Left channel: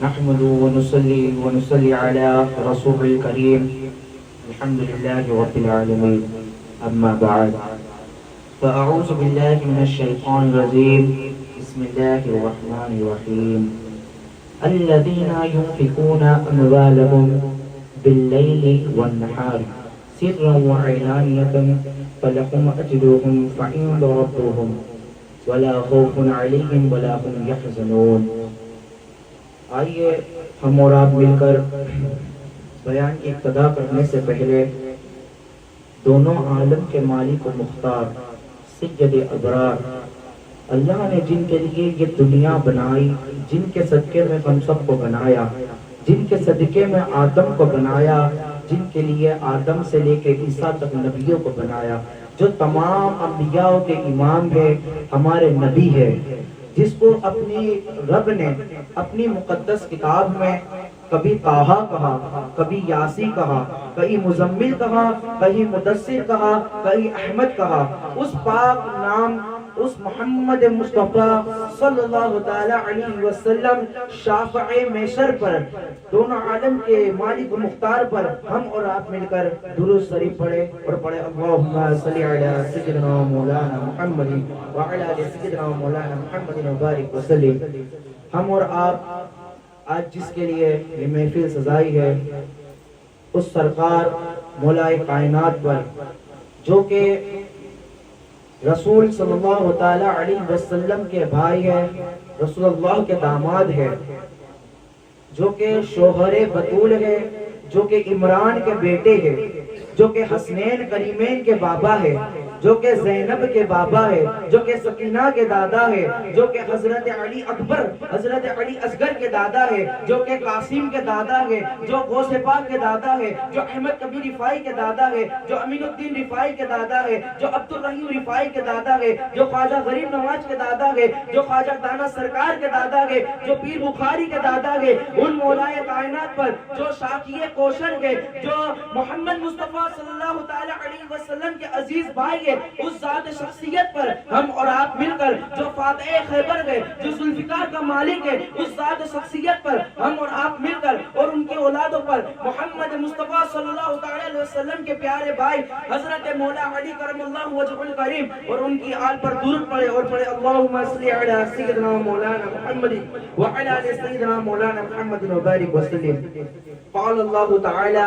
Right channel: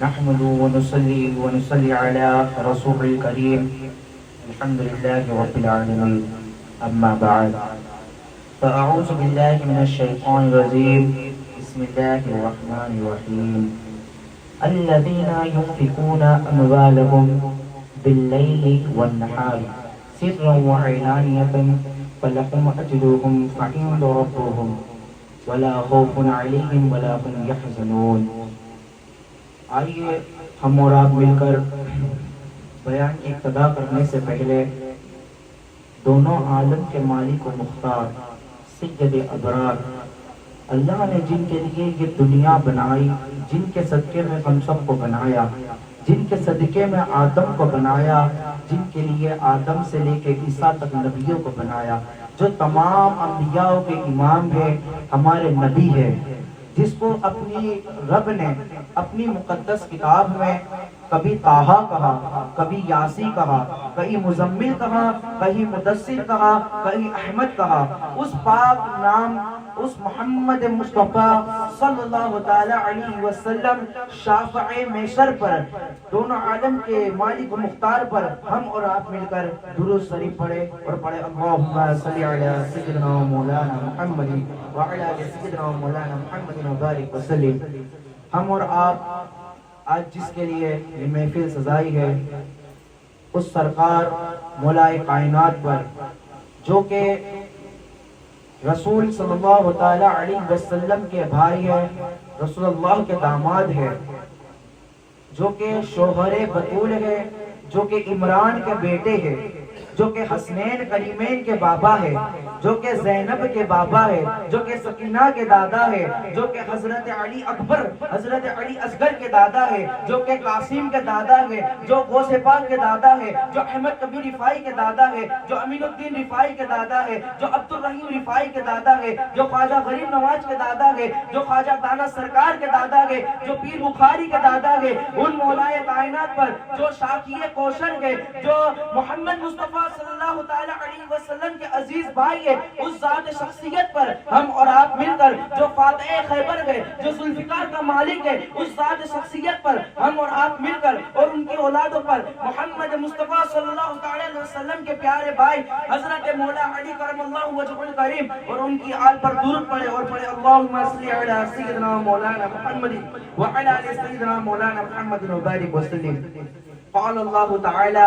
نحمد ونصلي على رسول الكريم. الحمد لله رب العالمين. أما بعد فأعوذ بالله من الشيطان الرجيم. بسم الله الرحمن الرحيم. الذين ينفقون أموالهم بالليل والنهار سرا وعلانية فلهم أجرهم عند ربهم ولا خوف عليهم ولا هم يحزنون. آئیے ہم اور آپ مل کر بیان کی ابتدا کرنے سے پہلے دونوں عالم کے مالک و مختار سید ابرار اللہ نے جن کے لیے یہ دنیا بنائی، جن کے صدقے میں ہم سب کو بنایا، جن کے صدقے میں آدم کو بنایا، جن کے لیے آدم سے لے کے عیسیٰ تک نبیوں کو بنایا، جو تمام انبیاء کے امام ہے، ہمارے نبی ہے، جس کو اپنی رب نے اپنی مقدس کتاب میں کبھی طٰہٰ کہا، کبھی یاسی کہا، کہیں مزمل کہا، کہیں مدثر کہا، کہیں احمد کہا، اس پاک نام اس محمد مصطفیٰ صلی اللہ تعالی علیہ وسلم شافع محشر پر، دونوں عالم کے مالک و مختار پر ہم اور آپ مل کر درود شریف پڑھے اور پڑھے اللہم صلی علی سیدنا مولانا محمد وعلی آل سیدنا مولانا محمد وبارک وسلم. ہم اور آپ آج جس کے لیے یہ محفل سجائی ہے اس سرکار مولائے کائنات پر، جو کہ رسول صلی اللہ تعالی علیہ وسلم کے بھائی ہے، رسول اللہ کے داماد ہے، جو کہ شوہر بطول ہے، جو کہ عمران کے بیٹے ہے، جو کہ حسنین کریمین کے بابا ہے، جو کہ زینب کے بابا ہے، جو کہ سکینہ کے دادا ہے، جو کہ حضرت علی اکبر، حضرت علی اصغر کے دادا ہے، جو کہ قاسم کے دادا ہے، جو غوث پاک کے دادا ہے، جو احمد کبیر رفاعی کے دادا ہے، جو امین الدین رفاعی کے دادا ہے، جو عبد الرحیم رفاعی کے دادا ہے، جو خواجہ غریب نواز کے دادا ہے، جو خواجہ دانا سرکار کے دادا ہے، جو پیر بخاری کے دادا ہے، ان مولائے کائنات پر جو شاکی کوشر ہے، جو محمد مصطفیٰ صلی اللہ تعالی علیہ وسلم کے عزیز بھائی ہے، اس ذات شخصیت پر ہم اور آپ مل کر، جو فاتح خیبر ہے، جو ذوالفقار کا مالک ہے، اس ذات شخصیت پر ہم اور آپ مل کر اور ان کے اولادوں پر محمد مصطفیٰ صلی اللہ تعالی علیہ وسلم کے پیارے بھائی حضرت مولا علی کرم اللہ وجہہ الکریم اور ان کی آل پر درود پڑھے اور پڑھے اللہم صلی علی سیدنا مولانا محمد وعلی آل سیدنا مولانا محمد وبارک وسلم. قال اللہ تعالی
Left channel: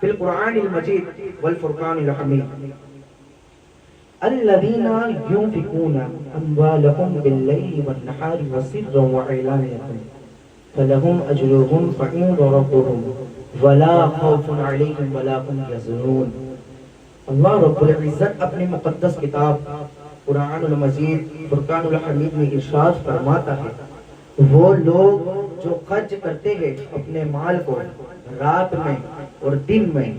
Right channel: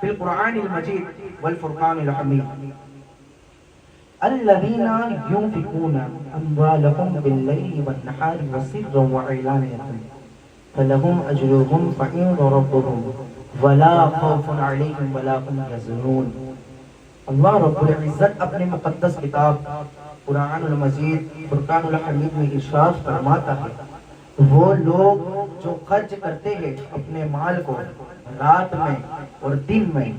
فی القرآن المجید والفرقان الحمید الذین ينفقون اموالهم باللیل والنہار سرا وعلانیۃ فلهم اجرهم عند ربهم ولا خوف علیہم ولا هم یحزنون. اللہ رب العزت اپنی مقدس کتاب قرآن المجید فرقان الحمید میں ارشاد فرماتا ہے، وہ لوگ جو خرچ کرتے ہیں اپنے مال کو رات میں اور دن میں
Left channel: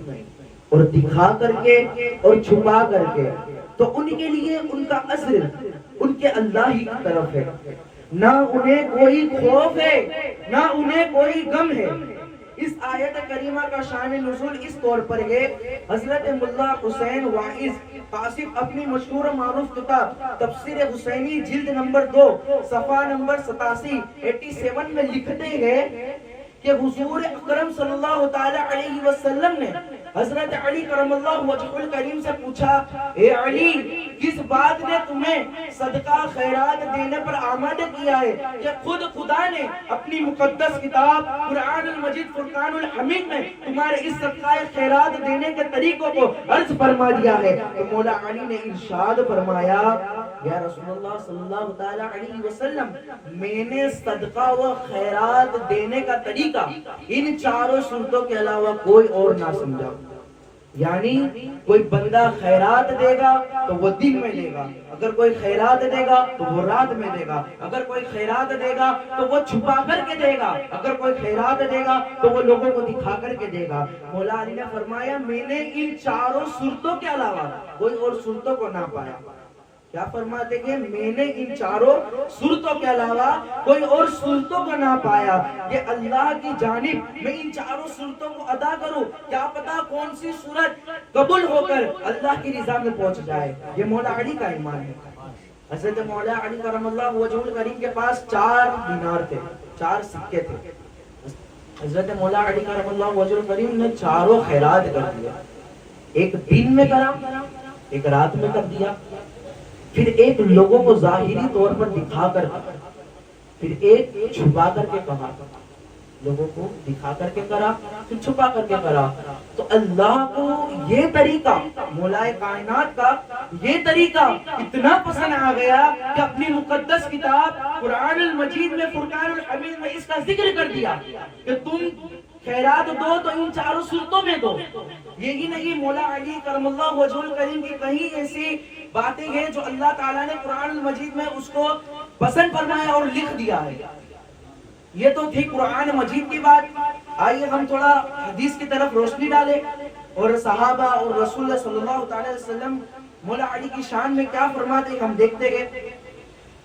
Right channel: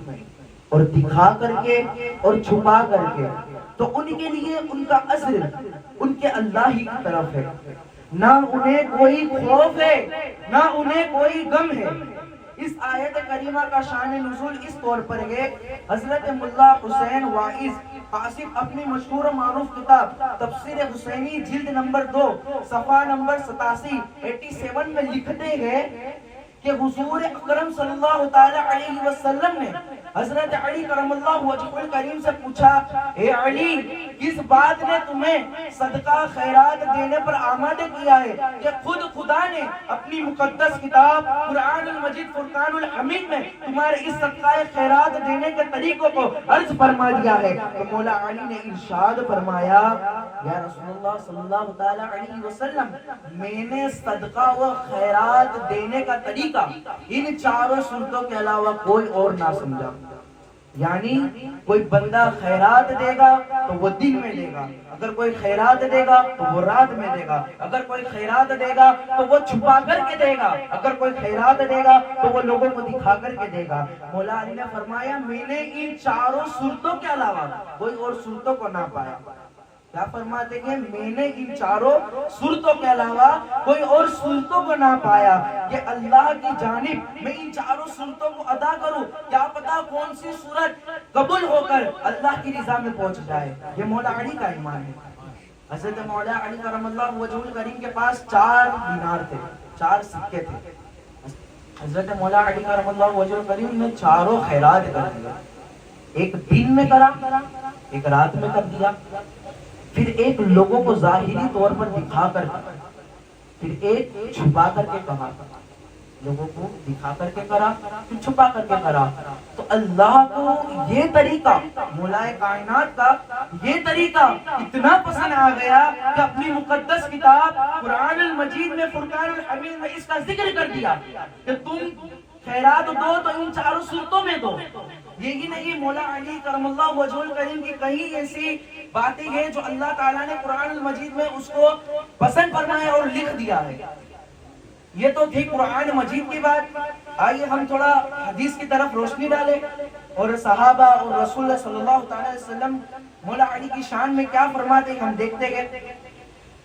اور دکھا کر کے اور چھپا کر کے، تو ان کے لیے ان کا اجر ان کے اللہ ہی کی طرف ہے، نہ انہیں کوئی خوف ہے نہ انہیں کوئی غم ہے. اس آیت کریمہ کا شان نزول اس طور پر ہے، حضرت ملا حسین واعظ قاسم اپنی مشہور و معروف کتاب تفسیر حسینی جلد نمبر 2 صفحہ نمبر 87 میں لکھتے ہیں کہ حضور اکرم صلی اللہ تعالی علیہ وسلم نے حضرت علی کرم اللہ وجہہ الکریم سے پوچھا، اے علی، کس بات نے تمہیں صدقہ خیرات دینے پر آمادہ کیا ہے کہ خود خدا نے اپنی مقدس کتاب قرآن المجید فرقان الحمید میں تمہارے اس صدقہ خیرات دینے کے طریقوں کو عرض فرما دیا ہے؟ تو مولا علی نے ارشاد فرمایا، یا رسول اللہ صلی اللہ تعالی علیہ وسلم، میں نے صدقہ و خیرات دینے کا طریقہ ان چاروں صورتوں کے علاوہ کوئی اور نہ سمجھا. یعنی کوئی بندہ خیرات دے گا تو وہ دن میں دے گا، اگر کوئی خیرات دے گا تو وہ رات میں دے گا، اگر کوئی خیرات دے گا تو وہ چھپا کر کے دے گا، اگر کوئی خیرات دے گا تو وہ لوگوں کو دکھا کر کے دے گا. مولا علی نے فرمایا، میں نے ان چاروں صورتوں کے علاوہ کوئی اور صورتوں کو نہ پایا. کیا فرماتے ہیں؟ میں نے ان چاروں صورتوں کے علاوہ کوئی اور صورتوں کو نہ پایا کہ اللہ کی جانب میں ان چاروں صورتوں کو ادا کروں، کیا پتا کون سی صورت قبول ہو کر اللہ کی رضا میں پہنچ جائے. یہ مولا علی کا ایمان ہے. حضرت مولا علی کرم اللہ وجہ الکریم کے پاس 4 دینار تھے، 4 سکے تھے. حضرت مولا علی کرم اللہ وجہ الکریم نے چاروں خیرات کر دیا. ایک دن میں کرا، ایک رات میں کر دیا، پھر ایک لوگوں کو ظاہری طور پر دکھا کر، پھر ایک چھپا کر کے کہا. لوگوں کو دکھا کر کے کرا، پھر چھپا کر کے کرا. تو اللہ کو یہ طریقہ، مولا کائنات کا یہ طریقہ اتنا پسند آ گیا کہ اپنی مقدس کتاب قرآن المجید میں فرقان الحمید میں اس کا ذکر کر دیا کہ تم خیرات دو تو ان 4 صورتوں میں دو. یہی نہیں، مولا علی کرم اللہ وجہ الکریم کی کہیں ایسی باتیں ہیں جو اللہ تعالیٰ نے قرآن المجید میں اس کو پسند فرمایا اور لکھ دیا ہے. یہ تو تھی قرآن مجید کی بات. آئیے ہم تھوڑا حدیث کی طرف روشنی ڈالیں اور صحابہ اور رسول اللہ صلی اللہ تعالی وسلم مولا علی کی شان میں کیا فرماتے ہیں ہم دیکھتے گئے.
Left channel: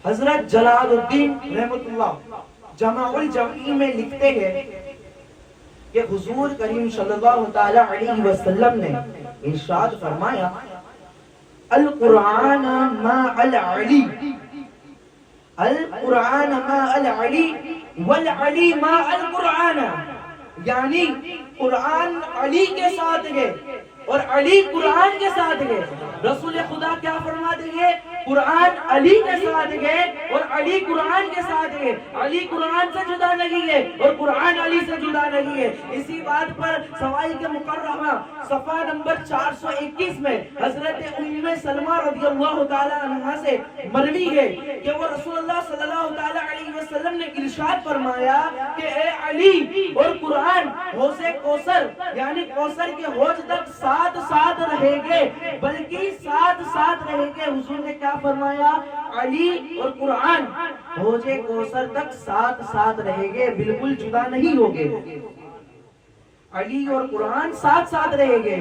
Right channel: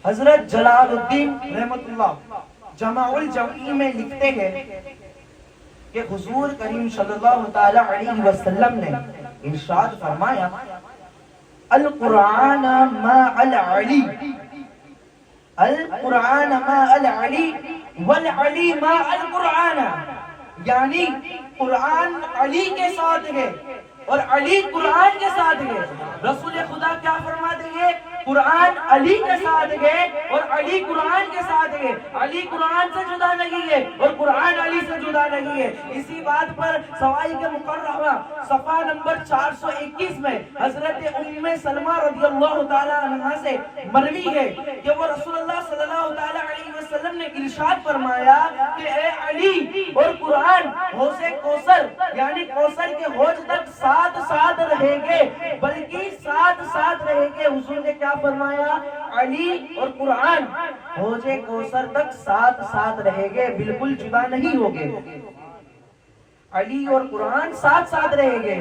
حضرت جلال الدین رحمۃ اللہ جمع الجوی میں لکھتے ہیں کہ حضور کریم صلی اللہ تعالی علیہ وسلم نے ارشاد فرمایا القرآن مع العلی، القرآن مع العلی والعلی مع القرآن. یعنی قرآن علی کے ساتھ ہے اور علی قرآن کے ساتھ گئے. رسول خدا کیا فرماتے ہیں؟ قرآن علی کے ساتھ گئے اور علی قرآن کے ساتھ گئے. علی قرآن سے جدا نہیں ہے اور قرآن علی سے جدا نہیں ہے. اسی بات پر سوائی کے مقررہ صفحہ نمبر 421 میں حضرت ام سلمہ رضی اللہ تعالی عنہا سے مروی ہے کہ وہ رسول اللہ صلی اللہ تعالی علیہ وسلم نے ارشاد فرمایا کہ اے علی اور قرآن حوض کوثر یعنی کوثر کے حوض تک ساتھ ساتھ رہیں گے، بلکہ ساتھ ساتھ رہیں گے. حضور نے کیا فرمایا؟ علی اور قرآن حوض کوثر تک ساتھ ساتھ رہیں گے، بالکل جدا نہیں ہوگے. علی اور قرآن ساتھ ساتھ رہیں گے.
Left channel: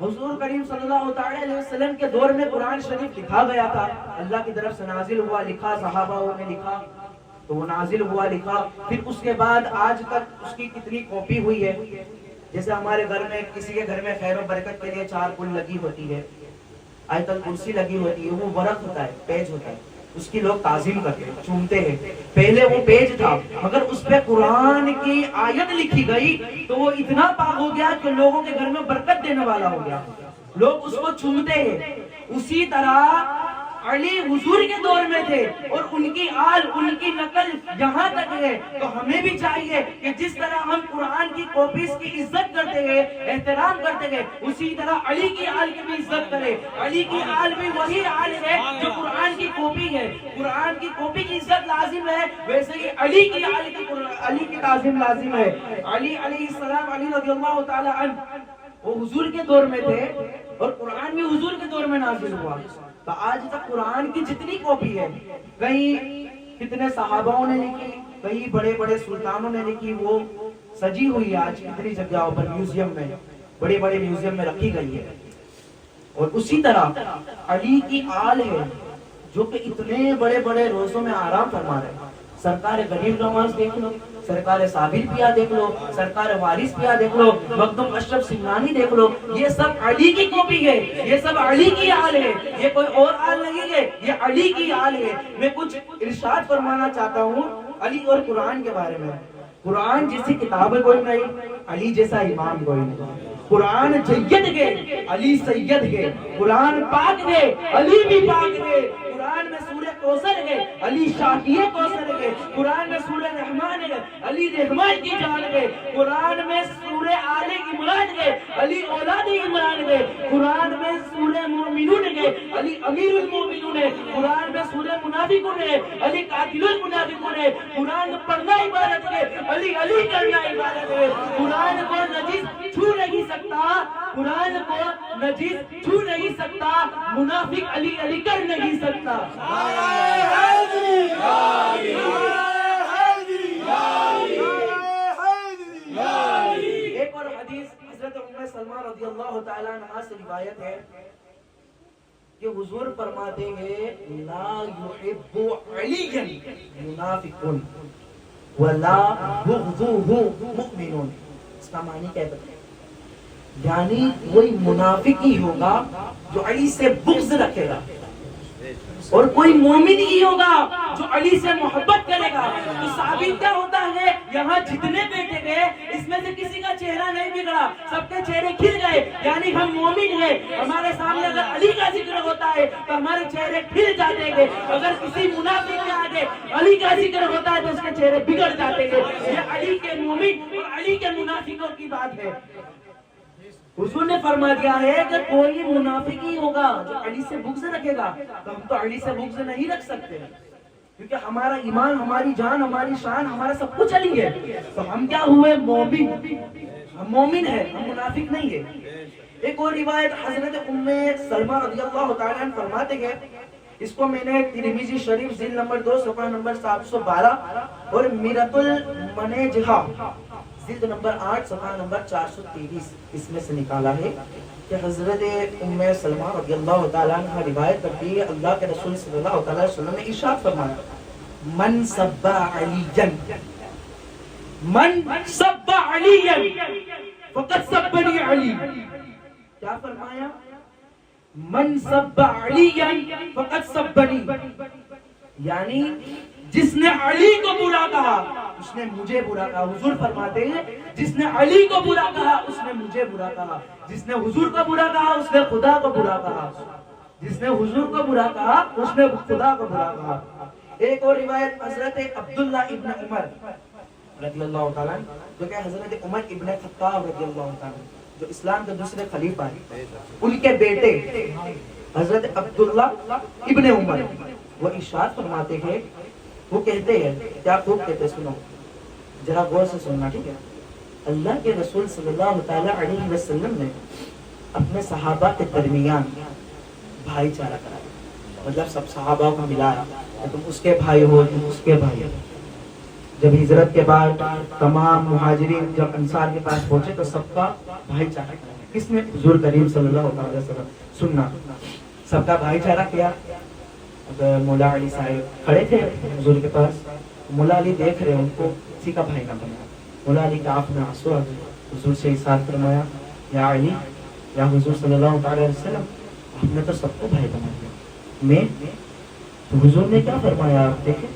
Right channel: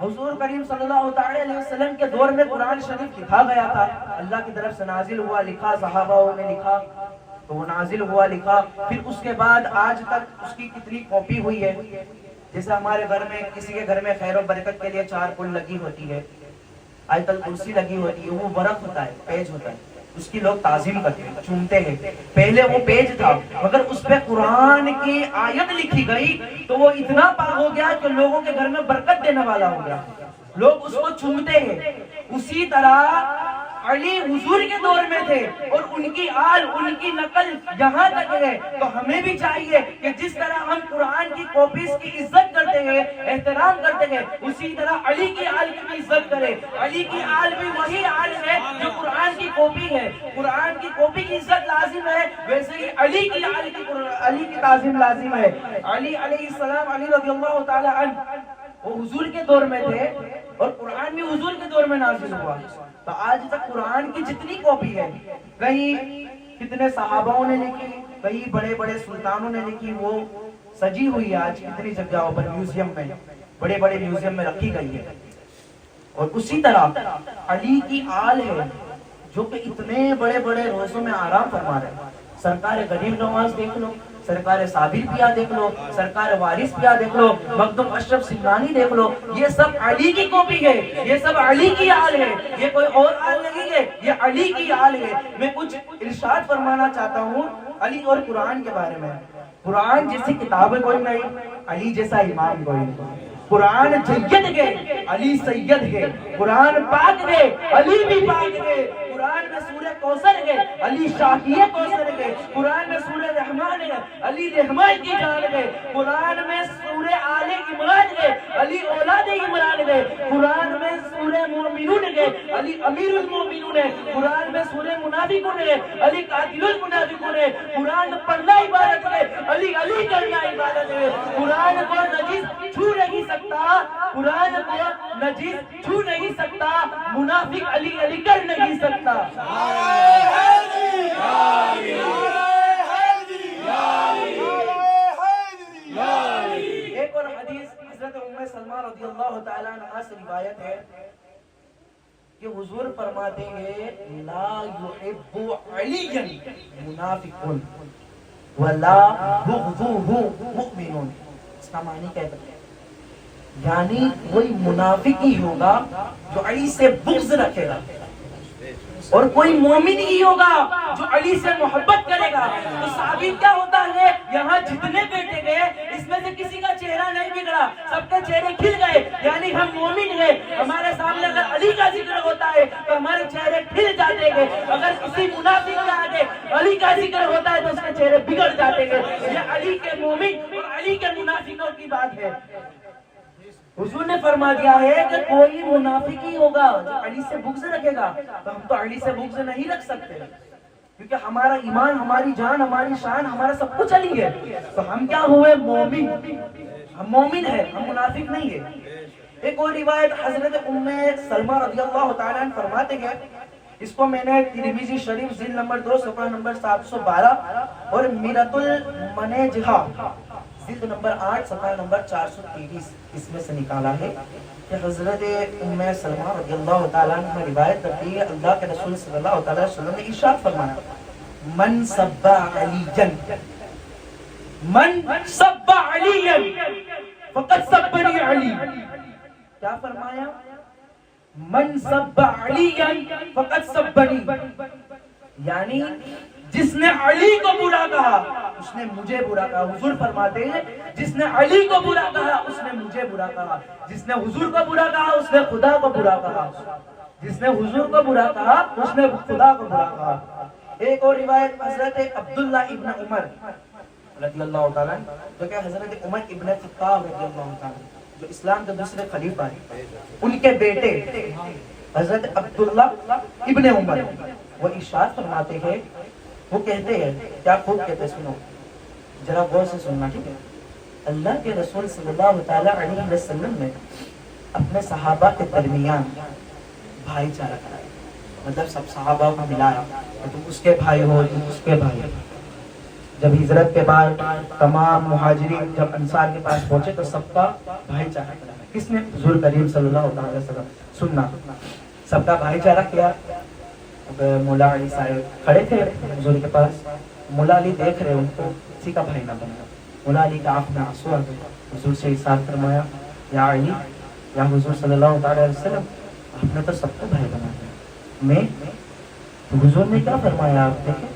حضور کریم صلی اللہ تعالی علیہ وسلم کے دور میں قرآن شریف لکھا گیا تھا، اللہ کی طرف سے نازل ہوا، لکھا، صحابہ نے لکھا تو وہ نازل ہوا، لکھا. پھر اس کے بعد آج تک اس کی کتنی کاپی ہوئی ہے. جیسے ہمارے گھر میں کسی کے گھر میں خیر و برکت کے لیے 4 پھول لگی ہوتی ہے، آیت الکرسی لگی ہوتی ہے، وہ ورق ہوتا ہے، پیج ہوتا ہے، اس کی لوگ تعظیم کرتے ہیں، چومتے ہیں. پہلے وہ پیج تھا مگر اس پہ قرآن کی آیت لکھی گئی تو وہ اتنا پاک ہو گیا کہ لوگوں کے گھر میں برکت دینے والا ہو گیا، لوگ اس کو چومتے ہیں. اسی طرح علی حضور کے دور میں تھے اور ان کی آل، ان کی نقل یہاں تک ہے. تو ہمیں بھی چاہیے کہ جس طرح ہم قرآن کی کاپیز کی عزت کرتے ہیں، احترام کرتے ہیں، اسی طرح علی کی آل کی بھی عزت کریں. علی کی آل بھی وہی آل ہے جو قرآن کی کاپی ہے. قرآن کی کاپی کی عزت لازم ہے، ویسے ہی علی کی آل کی تعظیم لازم ہے. علی علیہ السلام، علی رضی اللہ تعالی عنہ، وہ حضور کے دور میں تھے اور قرآن بھی حضور کے دور میں نازل ہوا. تو آج تک قرآن کی جتنی کاپی ہے، کہیں کتنے صحابوں نے لکھی، کئی بڑے بڑے سلطانوں نے لکھی، وہ سجی ہوئی ہے آج کتنی جگہوں پر، میوزیم میں، بڑے بڑے میوزیم میں رکھی گئی ہے. اور اسی طرح علی کی آل ہے جو کہ اتنے بڑے بڑے روزوں میں آرام فرما رہے ہیں. سرکار غریب نواز دیکھ لو، سرکار صابر پیا دیکھ لو، سرکار وارث پیا دیکھ لو، مخدوم اشرف سنگانی دیکھ لو، یہ سب علی کی کاپی ہے، یہ سب علی کی آل ہے، یہ کوئی اور آل نہیں ہے، یہ علی کی آل ہے. میں کچھ ارشاد فرمانا چاہتا ہوں علی اور قرآن کے بارے میں. قرآن جیسی کتاب کوئی نہیں، علی جیسا امام کوئی نہیں. قرآن جید ہے، علی سید ہے. قرآن پاک ہے، علی بھی پاک ہے. قرآن میں سورہ کوثر ہے، علی شاکی کوثر ہے. قرآن میں سورہ رحمان ہے، علی رحمان کی جان ہے. قرآن میں سورہ آل عمران ہے، علی اولاد عمران ہے. قرآن میں سورہ مومنون ہے، علی امیر المومنون ہے. قرآن میں سورہ منافقون ہے، علی قاتل المنافقون ہے. قرآن پڑھنا عبادت ہے، علی علی کرنا عبادت ہے. قرآن کو نجس چھو نہیں سکتا، قرآن کو نجس چھو نہیں سکتا، منافق علی علی کر نہیں سکتا. ایک اور حدیث حضرت ام سلمہ رضی اللہ تعالی عنہا سے روایت ہے کہ حضور فرماتے ہیں لا يحب عليا منافق ولا بغضه مؤمن. اس کا معنی کیا ہے؟ یعنی وہی منافق ہی ہوگا جو علی سے بغض رکھے گا، اور کوئی مومن ہی ہوگا جو علی سے محبت کرے گا. تو ثابت کیا ہوتا ہے, یہاں جتنے بیٹے گئے اس میں سے کسی کا چہرہ نہیں بگڑا, سب کے چہرے کھل گئے. یعنی ہم مومن ہیں, ہمارے سامنے اگر علی کا ذکر ہوتا ہے تو ہمارے چہرے کھل جاتے ہیں. اگر کسی منافق کے آگے علی کا ذکر ہوتا ہے تو اس کے چہرے بگڑ جاتے ہیں. یہ علی کے مومن اور علی کے منافقوں کی بات ہے. حضور نے فرما دیا ہے کہ کوئی منافق ہی ہوگا جو علی سے بغض رکھے گا. تو ہم تو علی سے بغض نہیں رکھ سکتے, کیونکہ ہمارا ایمان, ہماری جان, ہماری شان, ہمارا سب کچھ علی ہے. تو ہم کیا ہوئے, مومن. ہم مومن ہیں, ہم منافق نہیں ہیں. ایک اور روایت حضرت ام سلمہ رضی اللہ تعالیٰ عنہ فرماتے ہیں, اس کو میں نے ترمذی شریف جلد نمبر 2 صفحہ نمبر 712 اور میرۃ المنیجہ جلد نمبر 8 صفحہ نمبر 423 اس میں سے نکالا ہے کہ حضرت ام سلمہ رضی اللہ تعالیٰ عنہ روایت کرتی ہے, اللہ کے رسول صلی اللہ علیہ وسلم نے ارشاد فرمایا, من سب علیًا من سب علیًا فقد سبنی علی. کیا فرمایا, من سب علیًا فقد سبنی, یعنی جس نے علی کو برا کہا اس نے مجھے برا کہا. حضور فرماتے ہیں جس نے علی کو برا کہا اس نے مجھے برا کہا, جس نے حضور کو برا کہا اس نے خدا کو برا کہا, جس نے حضور کو برا کہا اس نے خدا کو برا کہا. ایک اور روایت حضرت عبداللہ ابن عمر رضی اللہ تعالیٰ جو کہ حضرت عمر ابن خطاب رضی اللہ تعالیٰ جو اسلام کے دوسرے خلیفہ ہیں, ان کے بیٹے حضرت عبداللہ ابن عمر وہ ارشاد فرماتے ہیں, وہ کہتے ہیں, کیا خوب کہتے ہیں, سنو ذرا غور سے سننا, ٹھیک ہے. اللہ کے رسول صلی اللہ تعالیٰ علیہ وسلم نے اپنے صحابہ کے درمیان بھائی چارہ کرایا, مطلب سب صحابہ کو ملایا کہ تم اس کے بھائی ہو, تم اس کے بھائی. جب ہجرت کے بعد تمام مہاجرین جب انصار کے پاس پہنچے تو سب کا بھائی چارہ کرایا. کس نے, حضور کریم صلی اللہ علیہ وسلم. سننا, سب کا بھائی چارہ کیا. مولا علی صاحب کھڑے تھے حضور کے پاس, مولا علی دیکھ رہے ان کو, کسی کا بھائی نہ بنتا. مولا علی کا آنکھ میں آنسو آ گئے, حضور سے ارشاد فرمایا, یا علی, یا حضور صلی اللہ علیہ وسلم, آپ نے تو سب کو بھائی بنا دیا, میں. حضور نے کیا فرمایا, آپ دیکھیں,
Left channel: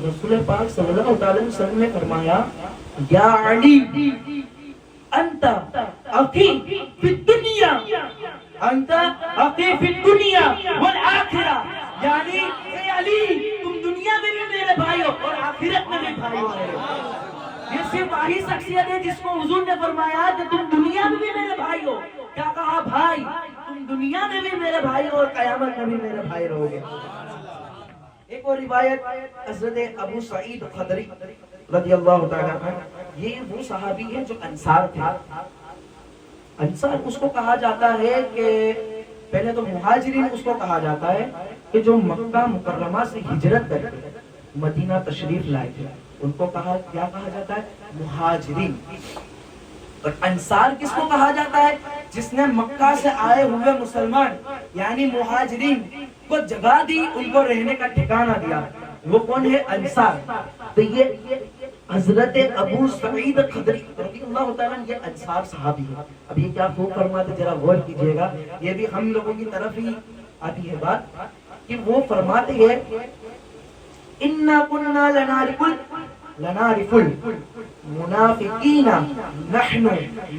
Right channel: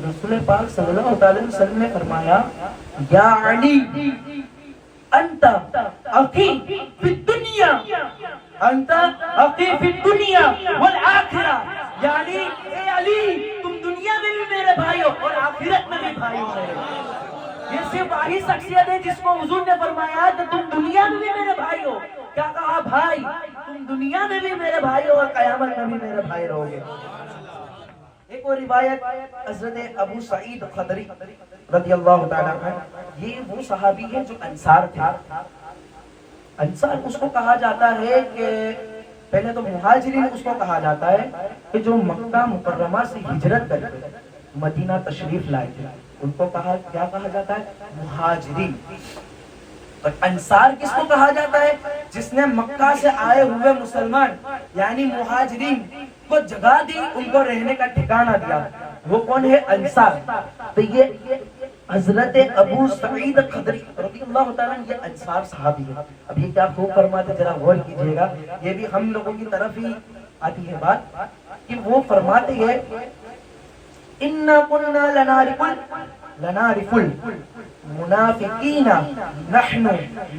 رسول پاک صلی اللہ علیہ وسلم نے فرمایا, یا علی انت اخی فی الدنیا, انت اخی فی الدنیا والآخرہ, یعنی اے علی تم دنیا میں بھی میرے بھائی ہو اور آخرت میں بھی بھائی ہو. یہ صرف وہی شخصیت ہے جس کو حضور نے فرمایا کہ تم دنیا میں بھی میرے بھائی ہو. کیا کہا, بھائی تم دنیا میں بھی میرے بھائی ہو اور قیامت میں بھی میرے بھائی رہو گے. ایک اور روایت حضرت ابو سعید خدری رضی اللہ تعالیٰ عنہ, یہ وہ صحابی ہے جو انصار تھا. انصار اس کو کہا جاتا ہے کہ پہلے تو مہاجرین اس کو کہا جاتا ہے کہ جو مکہ مکرمہ سے ہجرت کر کے مدینہ تشریف لائے تھے, ان کو کہا, کیا کہا جاتا ہے, مہاجرین. اور انصار کس کو کہا جاتا ہے, جس نے مکہ سے آئے ہوئے مسلمان یعنی مہاجرین کو جگہ دی, ان کو رہنے کا ٹھکانہ دیا, وہ کون ہے, انصار. تو یہ حضرت ابو سعید خدری رضی اللہ تعالیٰ یہ انصار صحابی ہے. اب یہ کیا خوب فرماتے, ذرا غور کیجئے گا, یہ بھی ہم لوگوں کی طرف ہی آتی ہے بات, کہ وہ فرماتے ہیں, اِنَّا كُنَّا لَنَعْرِفُ الْمُنَافِقِينَ نَحْنُ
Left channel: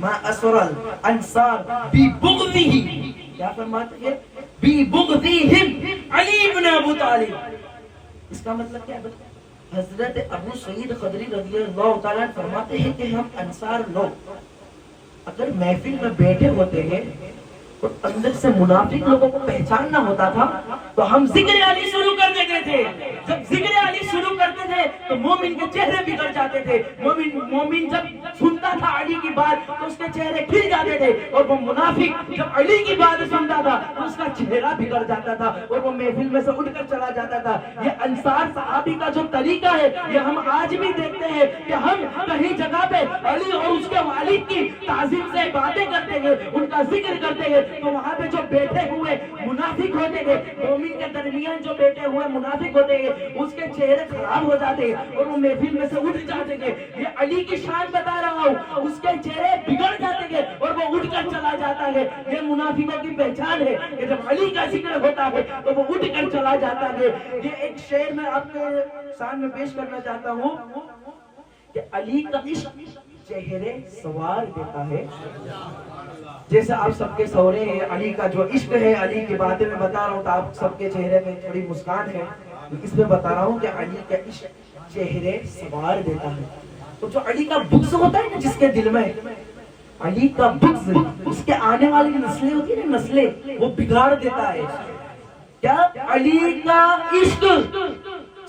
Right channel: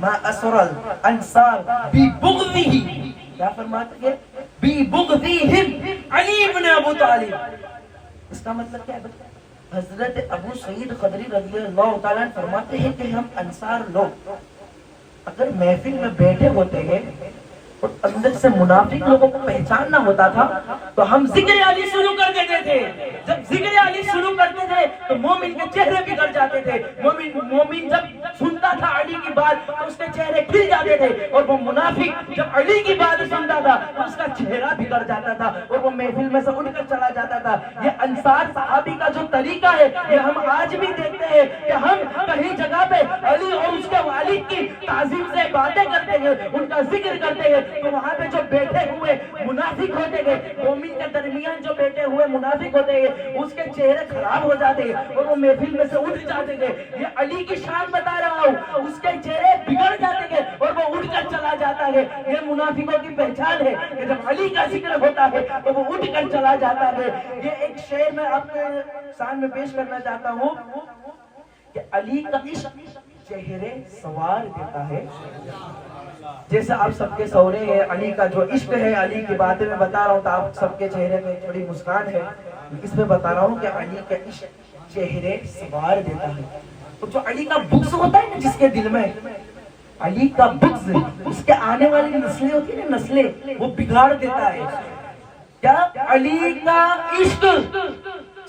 مَا أَسْرَ الْأَنصَارِ بِبُغْضِهِ. کیا فرماتے ہیں, بِبُغْضِهِمْ علی بن ابو طالب. اس کا مطلب کیا ہے, حضرت ابو سعید خدری رضی اللہ تعالیٰ فرماتے ہیں کہ ہم انصار لوگ اگر محفل میں بیٹھے ہوتے ہیں اور اندر سے منافق لوگوں کو پہچاننا ہوتا تھا تو ہم ذکر علی شروع کر دیتے تھے. جب ذکر علی شروع کرتے تھے تو مومن کے چہرے بگڑ جاتے تھے. مومن جب سنتا تھا علی کی بات تو اس کے چہرے کھل جاتے تھے, اور وہ منافق جب علی کی بات سنتا تھا تو اس کا چہرہ بگڑ جاتا تھا اور وہ محفل میں سے اٹھ کر چلا جاتا تھا. یہ انصار صحابی کا جو طریقہ ہے یہ ہم آج بھی دیکھتے ہیں کہ ہم کہیں جگہ پہ علی اور اس کے والد کی تعظیم سے باتیں کرتے ہیں, ان کا ذکر کرتے ہیں, تو وہاں پہ جو بیٹھے ہوئے منافق ہوتے ہیں, مومن کے درمیان جو بیٹھے ہوئے منافق ہوتے ہیں, اس کے چہرے خراب ہو جاتے ہیں اور وہ محفل میں سے اٹھ جاتے ہیں. یہ علی کی شان بتا رہا ہوں اس کے چہرے بگڑ جاتے ہیں اور وہ اٹھ کر چلا جاتا ہے. یہ منافقوں کی پہچان ہے کہ جب علی کا ذکر ہوتا ہے تو وہ اٹھ کر چلا جاتا ہے. یہ ایک شعر میں آپ کے سامنے پیش کرنا چاہتا ہوں کہ علی کا عشق چہرے سوار دیتا ہے. جیسے آپ سب کے سورے ہیں, علی کا جو عشق ہے, علی کی باتیں میں بتا رہا ہوں تو آپ سب کے چہرے میں تھوڑی مسکان ہے. اس میں بتا رہا ہوں کہ علی کا عشق چہرے سوار دیتا ہے. تو جو علی کا بغض ہوتا ہے جس کے دل میں, علی کا بغض اس کے آنے والی نسلیں ہوتی ہیں, نسلیں وہ بگاڑ دیتا ہے. کیا علی کا عشق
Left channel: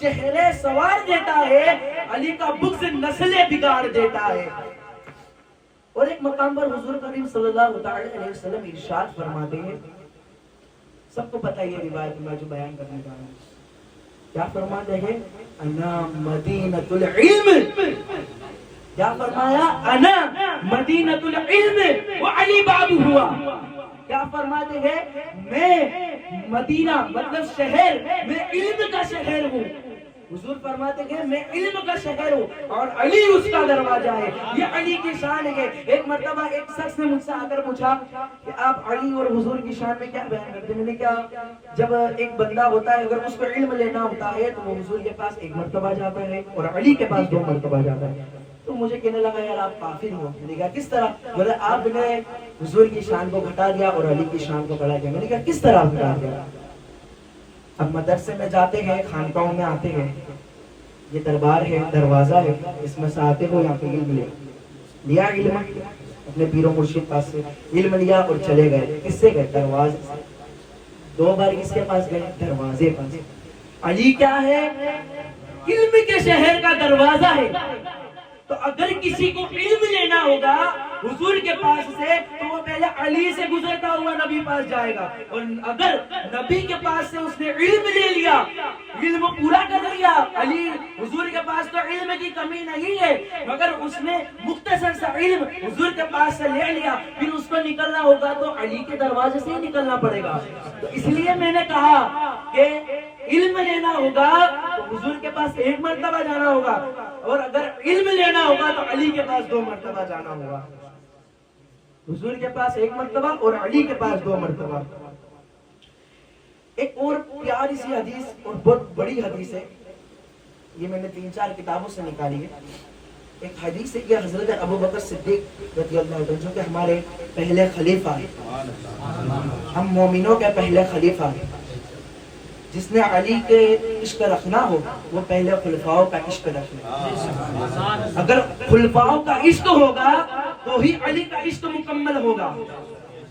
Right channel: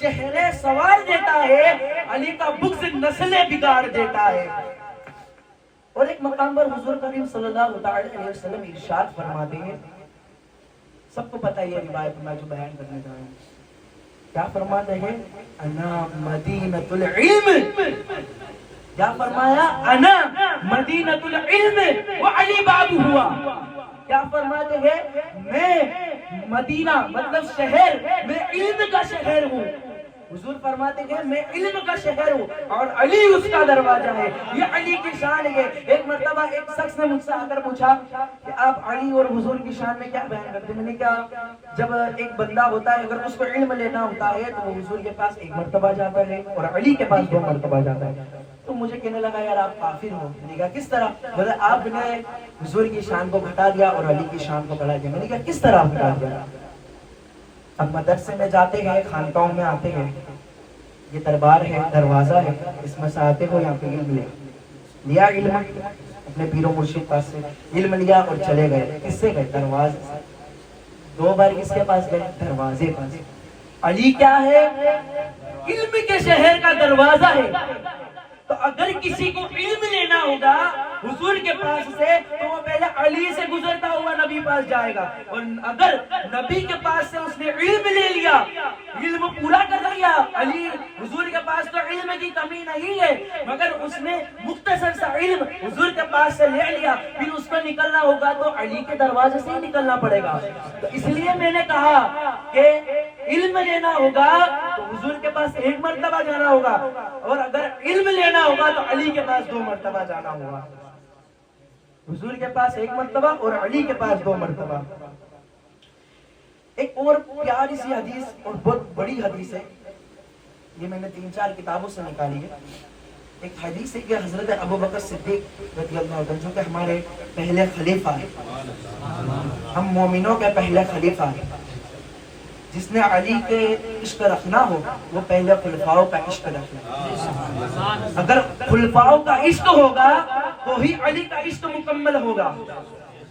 چہرے سوار دیتا ہے, علی کا بغض نسلیں بگاڑ دیتا ہے. اور ایک مقام پر حضور کریم صلی اللہ علیہ وسلم ارشاد فرماتے ہیں, سب کو پتہ یہ روایت میں جو بیان کرنے کا ہوں, کیا فرماتے ہیں؟ انا مدینۃ العلم. کیا فرمایا؟ انا مدینۃ العلم وعلی بابہ ہوا. کیا فرماتے ہیں؟ میں مدینہ مطلب شہر, میں علم کا شہر ہوں. حضور فرماتے ہیں میں علم کا شہر ہوں اور علی اس کا دروازہ ہے. یہ علی کی شان ہے. ایک مرتبہ ایک شخص نے مجھ سے آ کر پوچھا کہ آپ علی اور حضور کی شان میں کیا بیان کرتے ہیں؟ میں نے کہا جب ایک بندہ ہوتا ہے اگر اس کو علم لینا ہوتا ہے تو وہ حضور کے پاس ایک مرتبہ جاتا ہے اور علی کے پاس 2 مرتبہ جاتا ہے. تو مجھے کہنے لگا یار آپ کافر ہو. میں نے کہا کس طرح؟ بولے آپ نے حضور کی شان کو گھٹا دیا اور علی کی شان کو بڑھا دیا. میں نے کہا کس طرح گھٹا دیا؟ اب مدرسے میں جاتے ہیں, خانقاہوں میں آتے ہیں, یہ دربار ہے, دروازہ ہے, اس میں سے آتے ہو یہاں پہ علم لیا علم اپنے پیر و مرشد پاس سے علم لیا اور چلے گئے. کس سے گئے؟ دروازے سے. 2 بار کس کے پاس گئے؟ دروازے پاس. علی کیا ہے؟ علم کے شہر کا دروازہ ہے. تو اگر کسی کو علم لینا ہوگا حضور کے پاس سے تو وہ پہلے علی سے گزرتا ہوا نبی پاس جائے گا. اور اگر نبی کے پاس سے اس نے علم لے لیا, علم پورا کر لیا, علی حضور کے پاس تو علم کی کمی نہیں ہے مگر اس نے مختصر سا علم حضور کے پاس سے لے لیا, پھر اس کو نکلنا ہوگا تو علی کے دروازے سے ہی نکلنا پڑے گا. تو اس لیے میں نے کہا کہ علم لینا ہوگا تو حضور کے پاس 1 مرتبہ جانا ہوگا اور اگر علم لینا ہوگا تو علی کے پاس 2 مرتبہ جانا ہوگا. حضور کے پاس 1 مرتبہ اور علی کے پاس 2 مرتبہ. ایک اور پیاری سی حدیث اور بہت بڑی حدیث ہے, یہ میں نے 3-4 کتابوں سے نکالی ہے. ایک حدیث ہے کہ حضرت ابو بکر صدیق رضی اللہ عنہ جو کہ ہمارے پہلے خلیفہ ہیں, ہم مومنوں کے پہلے خلیفہ ہیں, جس نے علی کے عشق رکھنا ہو وہ پہلے خلفاؤں کا عشق رکھنا. اگر خلفاؤں کا عشق ہوگا تو ہی علی کا عشق مکمل ہوگا.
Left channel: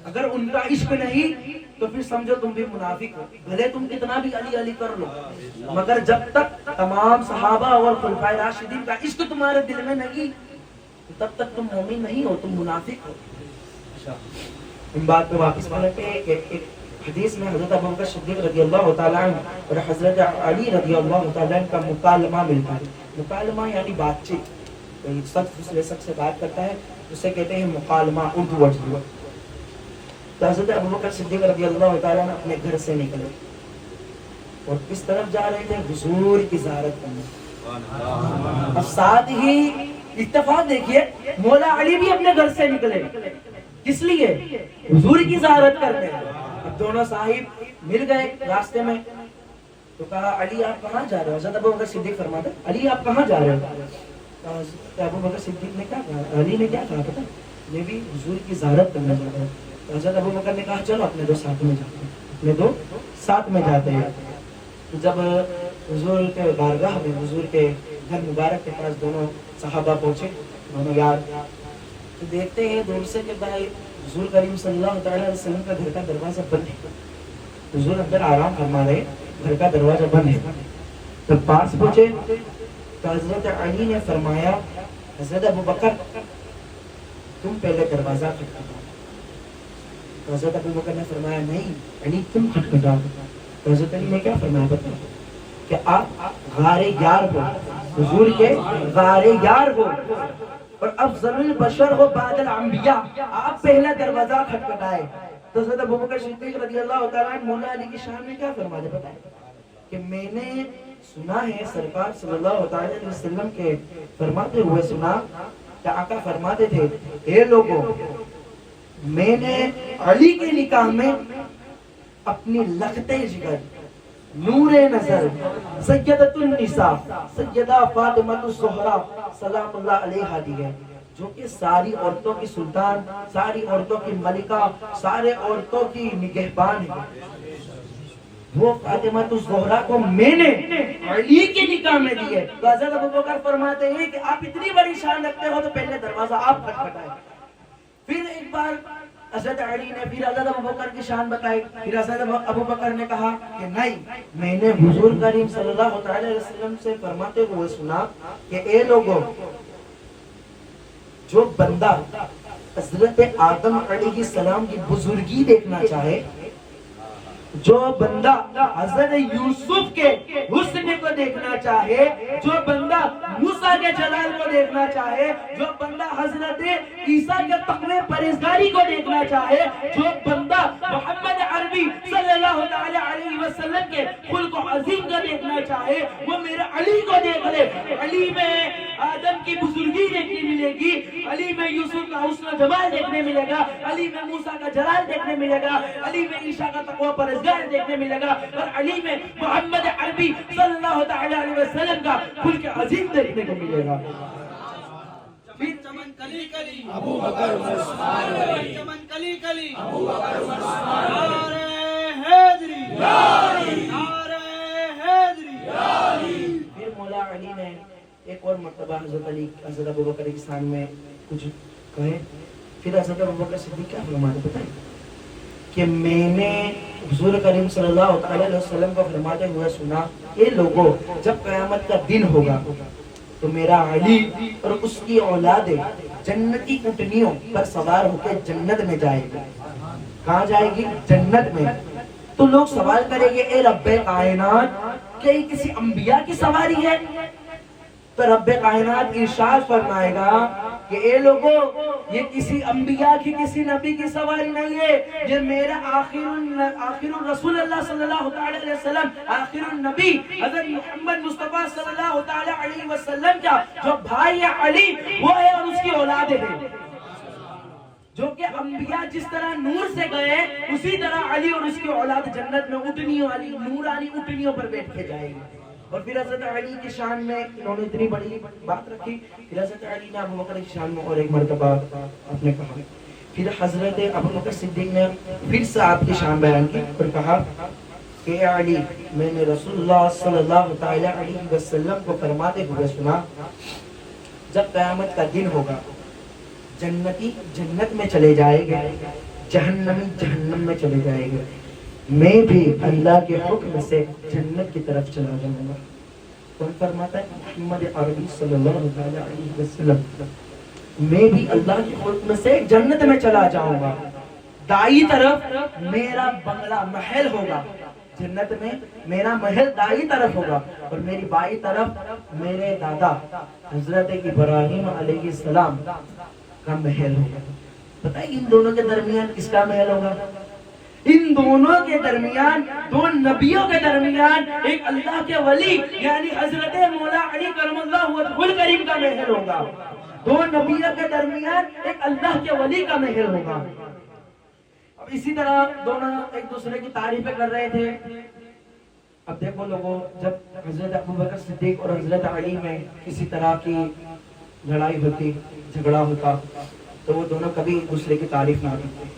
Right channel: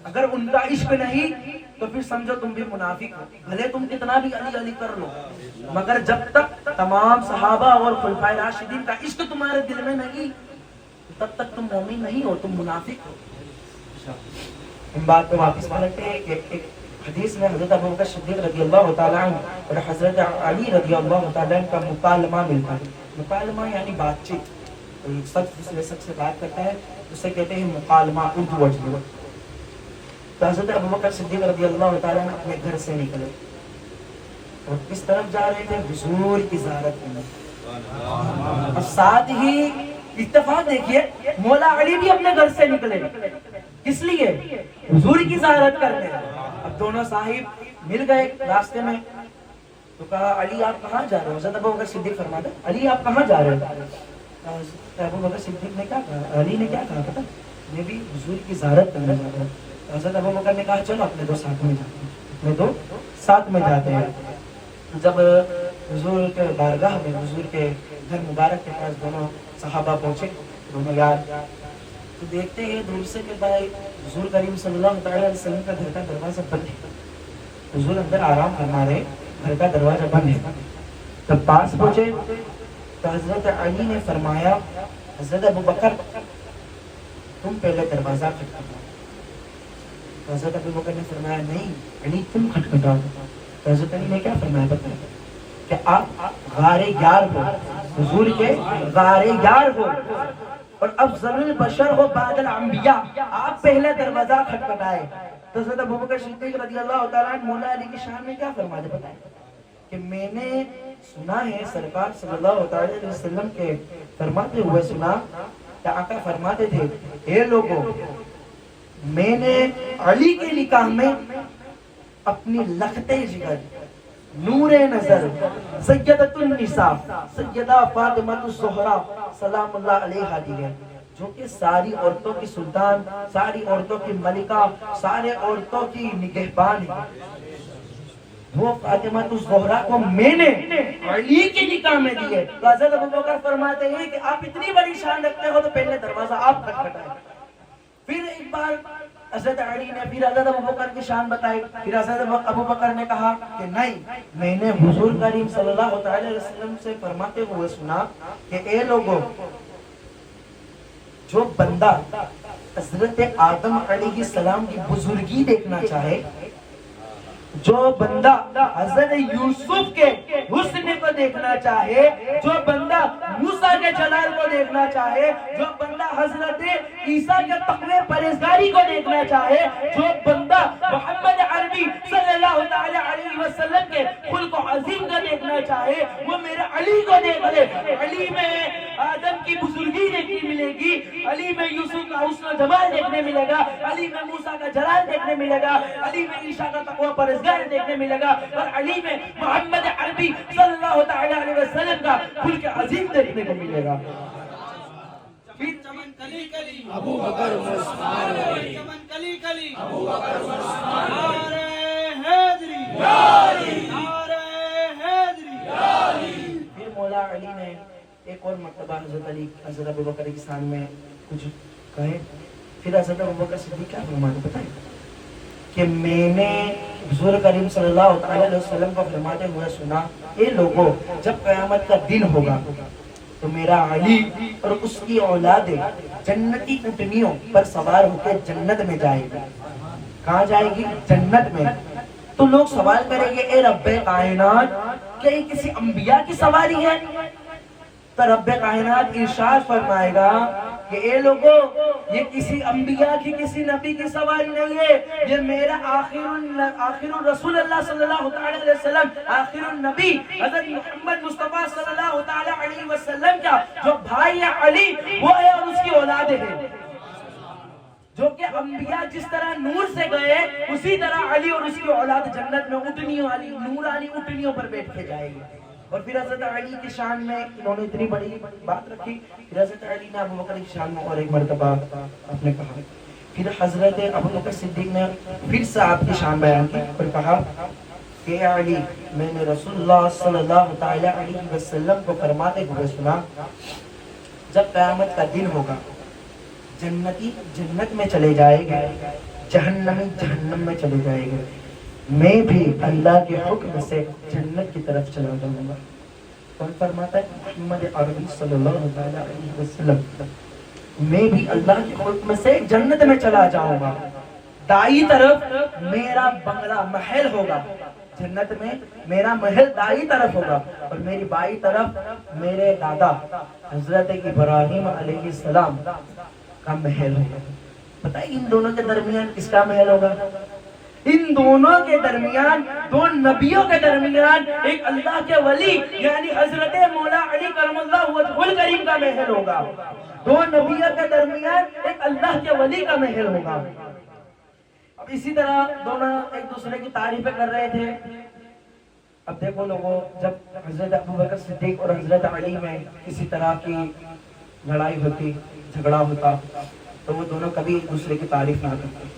اگر ان کا عشق نہیں تو پھر سمجھو تم بھی منافق ہو. بھلے تم کتنا بھی علی علی کر لو مگر جب تک تمام صحابہ اور خلفائے راشدین کا عشق تمہارے دل میں نہیں تب تک تم مومن نہیں ہو, تم منافق ہو. ان بات پہ واپس کرتے ہیں کہ ایک حدیث میں حضرت ابو بکر صدیق رضی اللہ تعالیٰ عنہ اور حضرت علی رضی اللہ تعالیٰ عنہ کا مکالمہ ملتا ہے. مکالمہ یعنی بات چیت, سچ دوسرے سب سے بات کرتا ہے اسے کہتے ہیں مکالمہ, اردو ورڈ. تو حضرت ابو بکر صدیق رضی اللہ تعالیٰ عنہ اپنے گھر سے نکلے اور کس طرف جا رہے تھے؟ حضور کی زیارت کرنے. اب ساتھ ہی اتفاق دیکھیے مولا علی بھی اپنے گھر سے نکلے, کس لیے؟ حضور کی زیارت کرنے. اب دونوں صاحب مل گئے راستے میں تو کہا علی آپ کہاں جا رہے ہو؟ حضرت ابو بکر صدیق فرماتے علی آپ کہاں جا رہے ہو؟ ابو بکر صدیق نے کیا کہا, علی نے کیا کہا پتا, میں بھی حضور کی زیارت کرنے جا رہا ہوں. حضرت ابو بکر نے کہا چلو اپنے 2 ساتھ میں جاتے ہیں. اپنے 2 ساتھ میں جاتے ہیں. جب حضور کے بارگاہ میں حضور کے گھر مبارک کے پاس دونوں صحابہ پہنچے, دونوں یار, تو دیکھتے ہیں دور سے کہ بھائی حضور کریم صلی اللہ علیہ وسلم کا گھر کا دروازہ بند ہے. حضور اندر آرام فرما رہے, گھر کا دروازہ بند ہے. جب پاس پہنچے تو حضرت علی نے فرمایا حضرت ابو بکر تم پہلے دروازہ کھٹکھٹاؤ. حضرت ابو بکر نے فرمایا نہیں علی تم کھٹکھٹاؤ. حضرت علی نے کیا فرمایا پتہ کہ آپ غار یار ہو, حضور کے غار یار ہو اور افضل البشر ہو بعد الانبیاء, آپ پہلے دروازہ کھٹکھٹائے. تو حضرت ابو بکر صدیق رضی اللہ تعالیٰ عنہ مولا علی کی شان میں کیا فرماتے پتہ ہے کہ میں نے سنا ہے سرکار صلی اللہ علیہ وسلم کے فرماتے ہوئے سنا کہ آقا فرماتے تھے اے لوگوں میں نے علی کے نکاح میں اپنی لخت جگر نور نظر سیدۃ النساء سیدہ فاطمہ الزہرا سلام اللہ علیہا دی ہے، جو کہ ساری عورتوں کی سلطان، ساری عورتوں کی ملکہ، سارے عورتوں کی نگہبان ہے۔ وہ فاطمہ الزہرا کو میں نے علی کے نکاح میں دی ہے۔ تو حضرت ابوبکر فرماتے ہیں کہ آپ اتنی بڑی شان رکھتے ہو تو پہلے دروازہ آپ کھٹکھٹائیں۔ پھر ایک بار حضرت علی نے پھر حضرت ابوبکر کی شان بتائی، پھر حضرت ابوبکر نے کہا کہ نہیں، میں نے حضور کریم صلی اللہ علیہ وسلم سے فرماتے ہوئے سنا کہ اے لوگوں، جو بندہ حضرت آدم علیہ السلام کی بزرگی دیکھنا چاہے، جو بندہ حضرت یوسف کے حسن کو دیکھنا چاہے، جو بندہ موسیٰ کے جلال کو دیکھنا چاہے، جو بندہ حضرت عیسیٰ کے تقوی پرہیزگاری کو دیکھنا چاہے، جو بندہ محمد عربی صلی اللہ علیہ وسلم کے خلق عظیم کو دیکھنا چاہے، وہ میرے علی کو دیکھ لے۔ علی میں آدم کی بزرگی دیکھنے ملے گی، علی میں یوسف کا حسن و جمال دیکھنے ملے گا، علی میں موسیٰ کا جلال دیکھنے ملے گا، علی میں عیسیٰ کا تقوی پرہیزگار دیکھنے ملے گا، اور علی میں محمد عربی صلی اللہ علیہ وسلم کا خلق عظیم دیکھنے کو ملے گا۔ پھر چمن کلی کلی ابو بکر عثمان علی، چمن کلی کلی ابو بکر عثمان علی، نعرہ حیدری یا علی، نعرہ حیدری یا علی۔ پھر مولا علی نے ایک اور مرتبہ حضرت علی حضرت ابوبکر کی شان میں کچھ کہے، پھر حضرت ابوبکر صدیق کیا فرماتے بتائیں کہ میں نے حضور کریم صلی اللہ علیہ وسلم کو فرماتے ہوئے سنا، اے لوگوں، جب قیامت کا دن ہوگا تو میرا علی اور اس کی اولادیں جنتی اونٹنیوں پر سوار ہو کے جنت میں جائے گی۔ کہاں جائے گی؟ جنت میں۔ تو لوگ سوال کریں گے اے رب کائنات، کیا یہ کسی انبیاء کی سواری ہے؟ تو رب کائنات ارشاد فرمائے گا کہ اے لوگوں، یہ کسی انبیاء کی، کسی نبی کی سواری نہیں ہے، یہ میرا آخر الرسول اللہ صلی اللہ علیہ وسلم، آخر النبی حضرت محمد مصطفیٰ صلی اللہ علیہ وسلم کا جو بھائی ہے علی، وہ ہے اور اس کی اولادیں ہیں۔ جو کہ انبیاء جس طرح نور سے گئے، اسی طرح علی اور اس کی اولاد جنت میں اونٹنیوں والی نورانی اونٹنیوں پر بیٹھ کے جائیں گے۔ اور پھر حضرت علی کی شان میں انہوں نے اتنی بڑی بات رکھی، پھر حضرت علی نے ابوبکر کی شان میں اور ایک مرتبہ آپ نے کہا، پھر حضرت ابوبکر صدیق نے پھر سے آپ کی شان بیان کی اور کہا کہ اے علی، میں نے رسول اللہ صلی اللہ علیہ وسلم کو فرماتے ہوئے سنا، جب قیامت کا دن ہوگا جنتی جنت میں چلے جائے گا، جہنمی جہنم میں چلے جائے گا، میں بھی اللہ کے حکم سے جنت کی طرف چلا جاؤں گا۔ اور فرماتا ہے محمد عربی صلی اللہ علیہ وسلم، میں بھی اللہ کے حکم سے جنت میں چلا جاؤں گا۔ دائیں طرف میرا بنگلہ محل ہوگا، جنت میں میرا محل دائیں طرف ہوگا، اور میری بائیں طرف میرے دادا حضرت ابراہیم علیہ السلام کا محل ہوگا۔ پتہ ہے ان دونوں کے درمیان کس کا محل ہوگا؟ ان دونوں کے درمیان، دو نبیوں کے درمیان ایک اللہ کے ولی یعنی حضرت مولا علی کرم اللہ وجہہ الکریم کا محل ہوگا۔ دو نبیوں کے درمیان ایک اللہ کے ولی کا محل ہوگا۔ اب اسی طرح دونوں ایک دوسرے کی تعریفیں کر رہے تھے۔ اب دیکھو لوگوں، جب حضرت ابوبکر صدیق اور حضرت علی میں کسی طرح کی لڑائی ہوتی، جھگڑا ہوتا، تو وہ دونوں کبھی ایک دوسرے کی تعریف نہ کرتے۔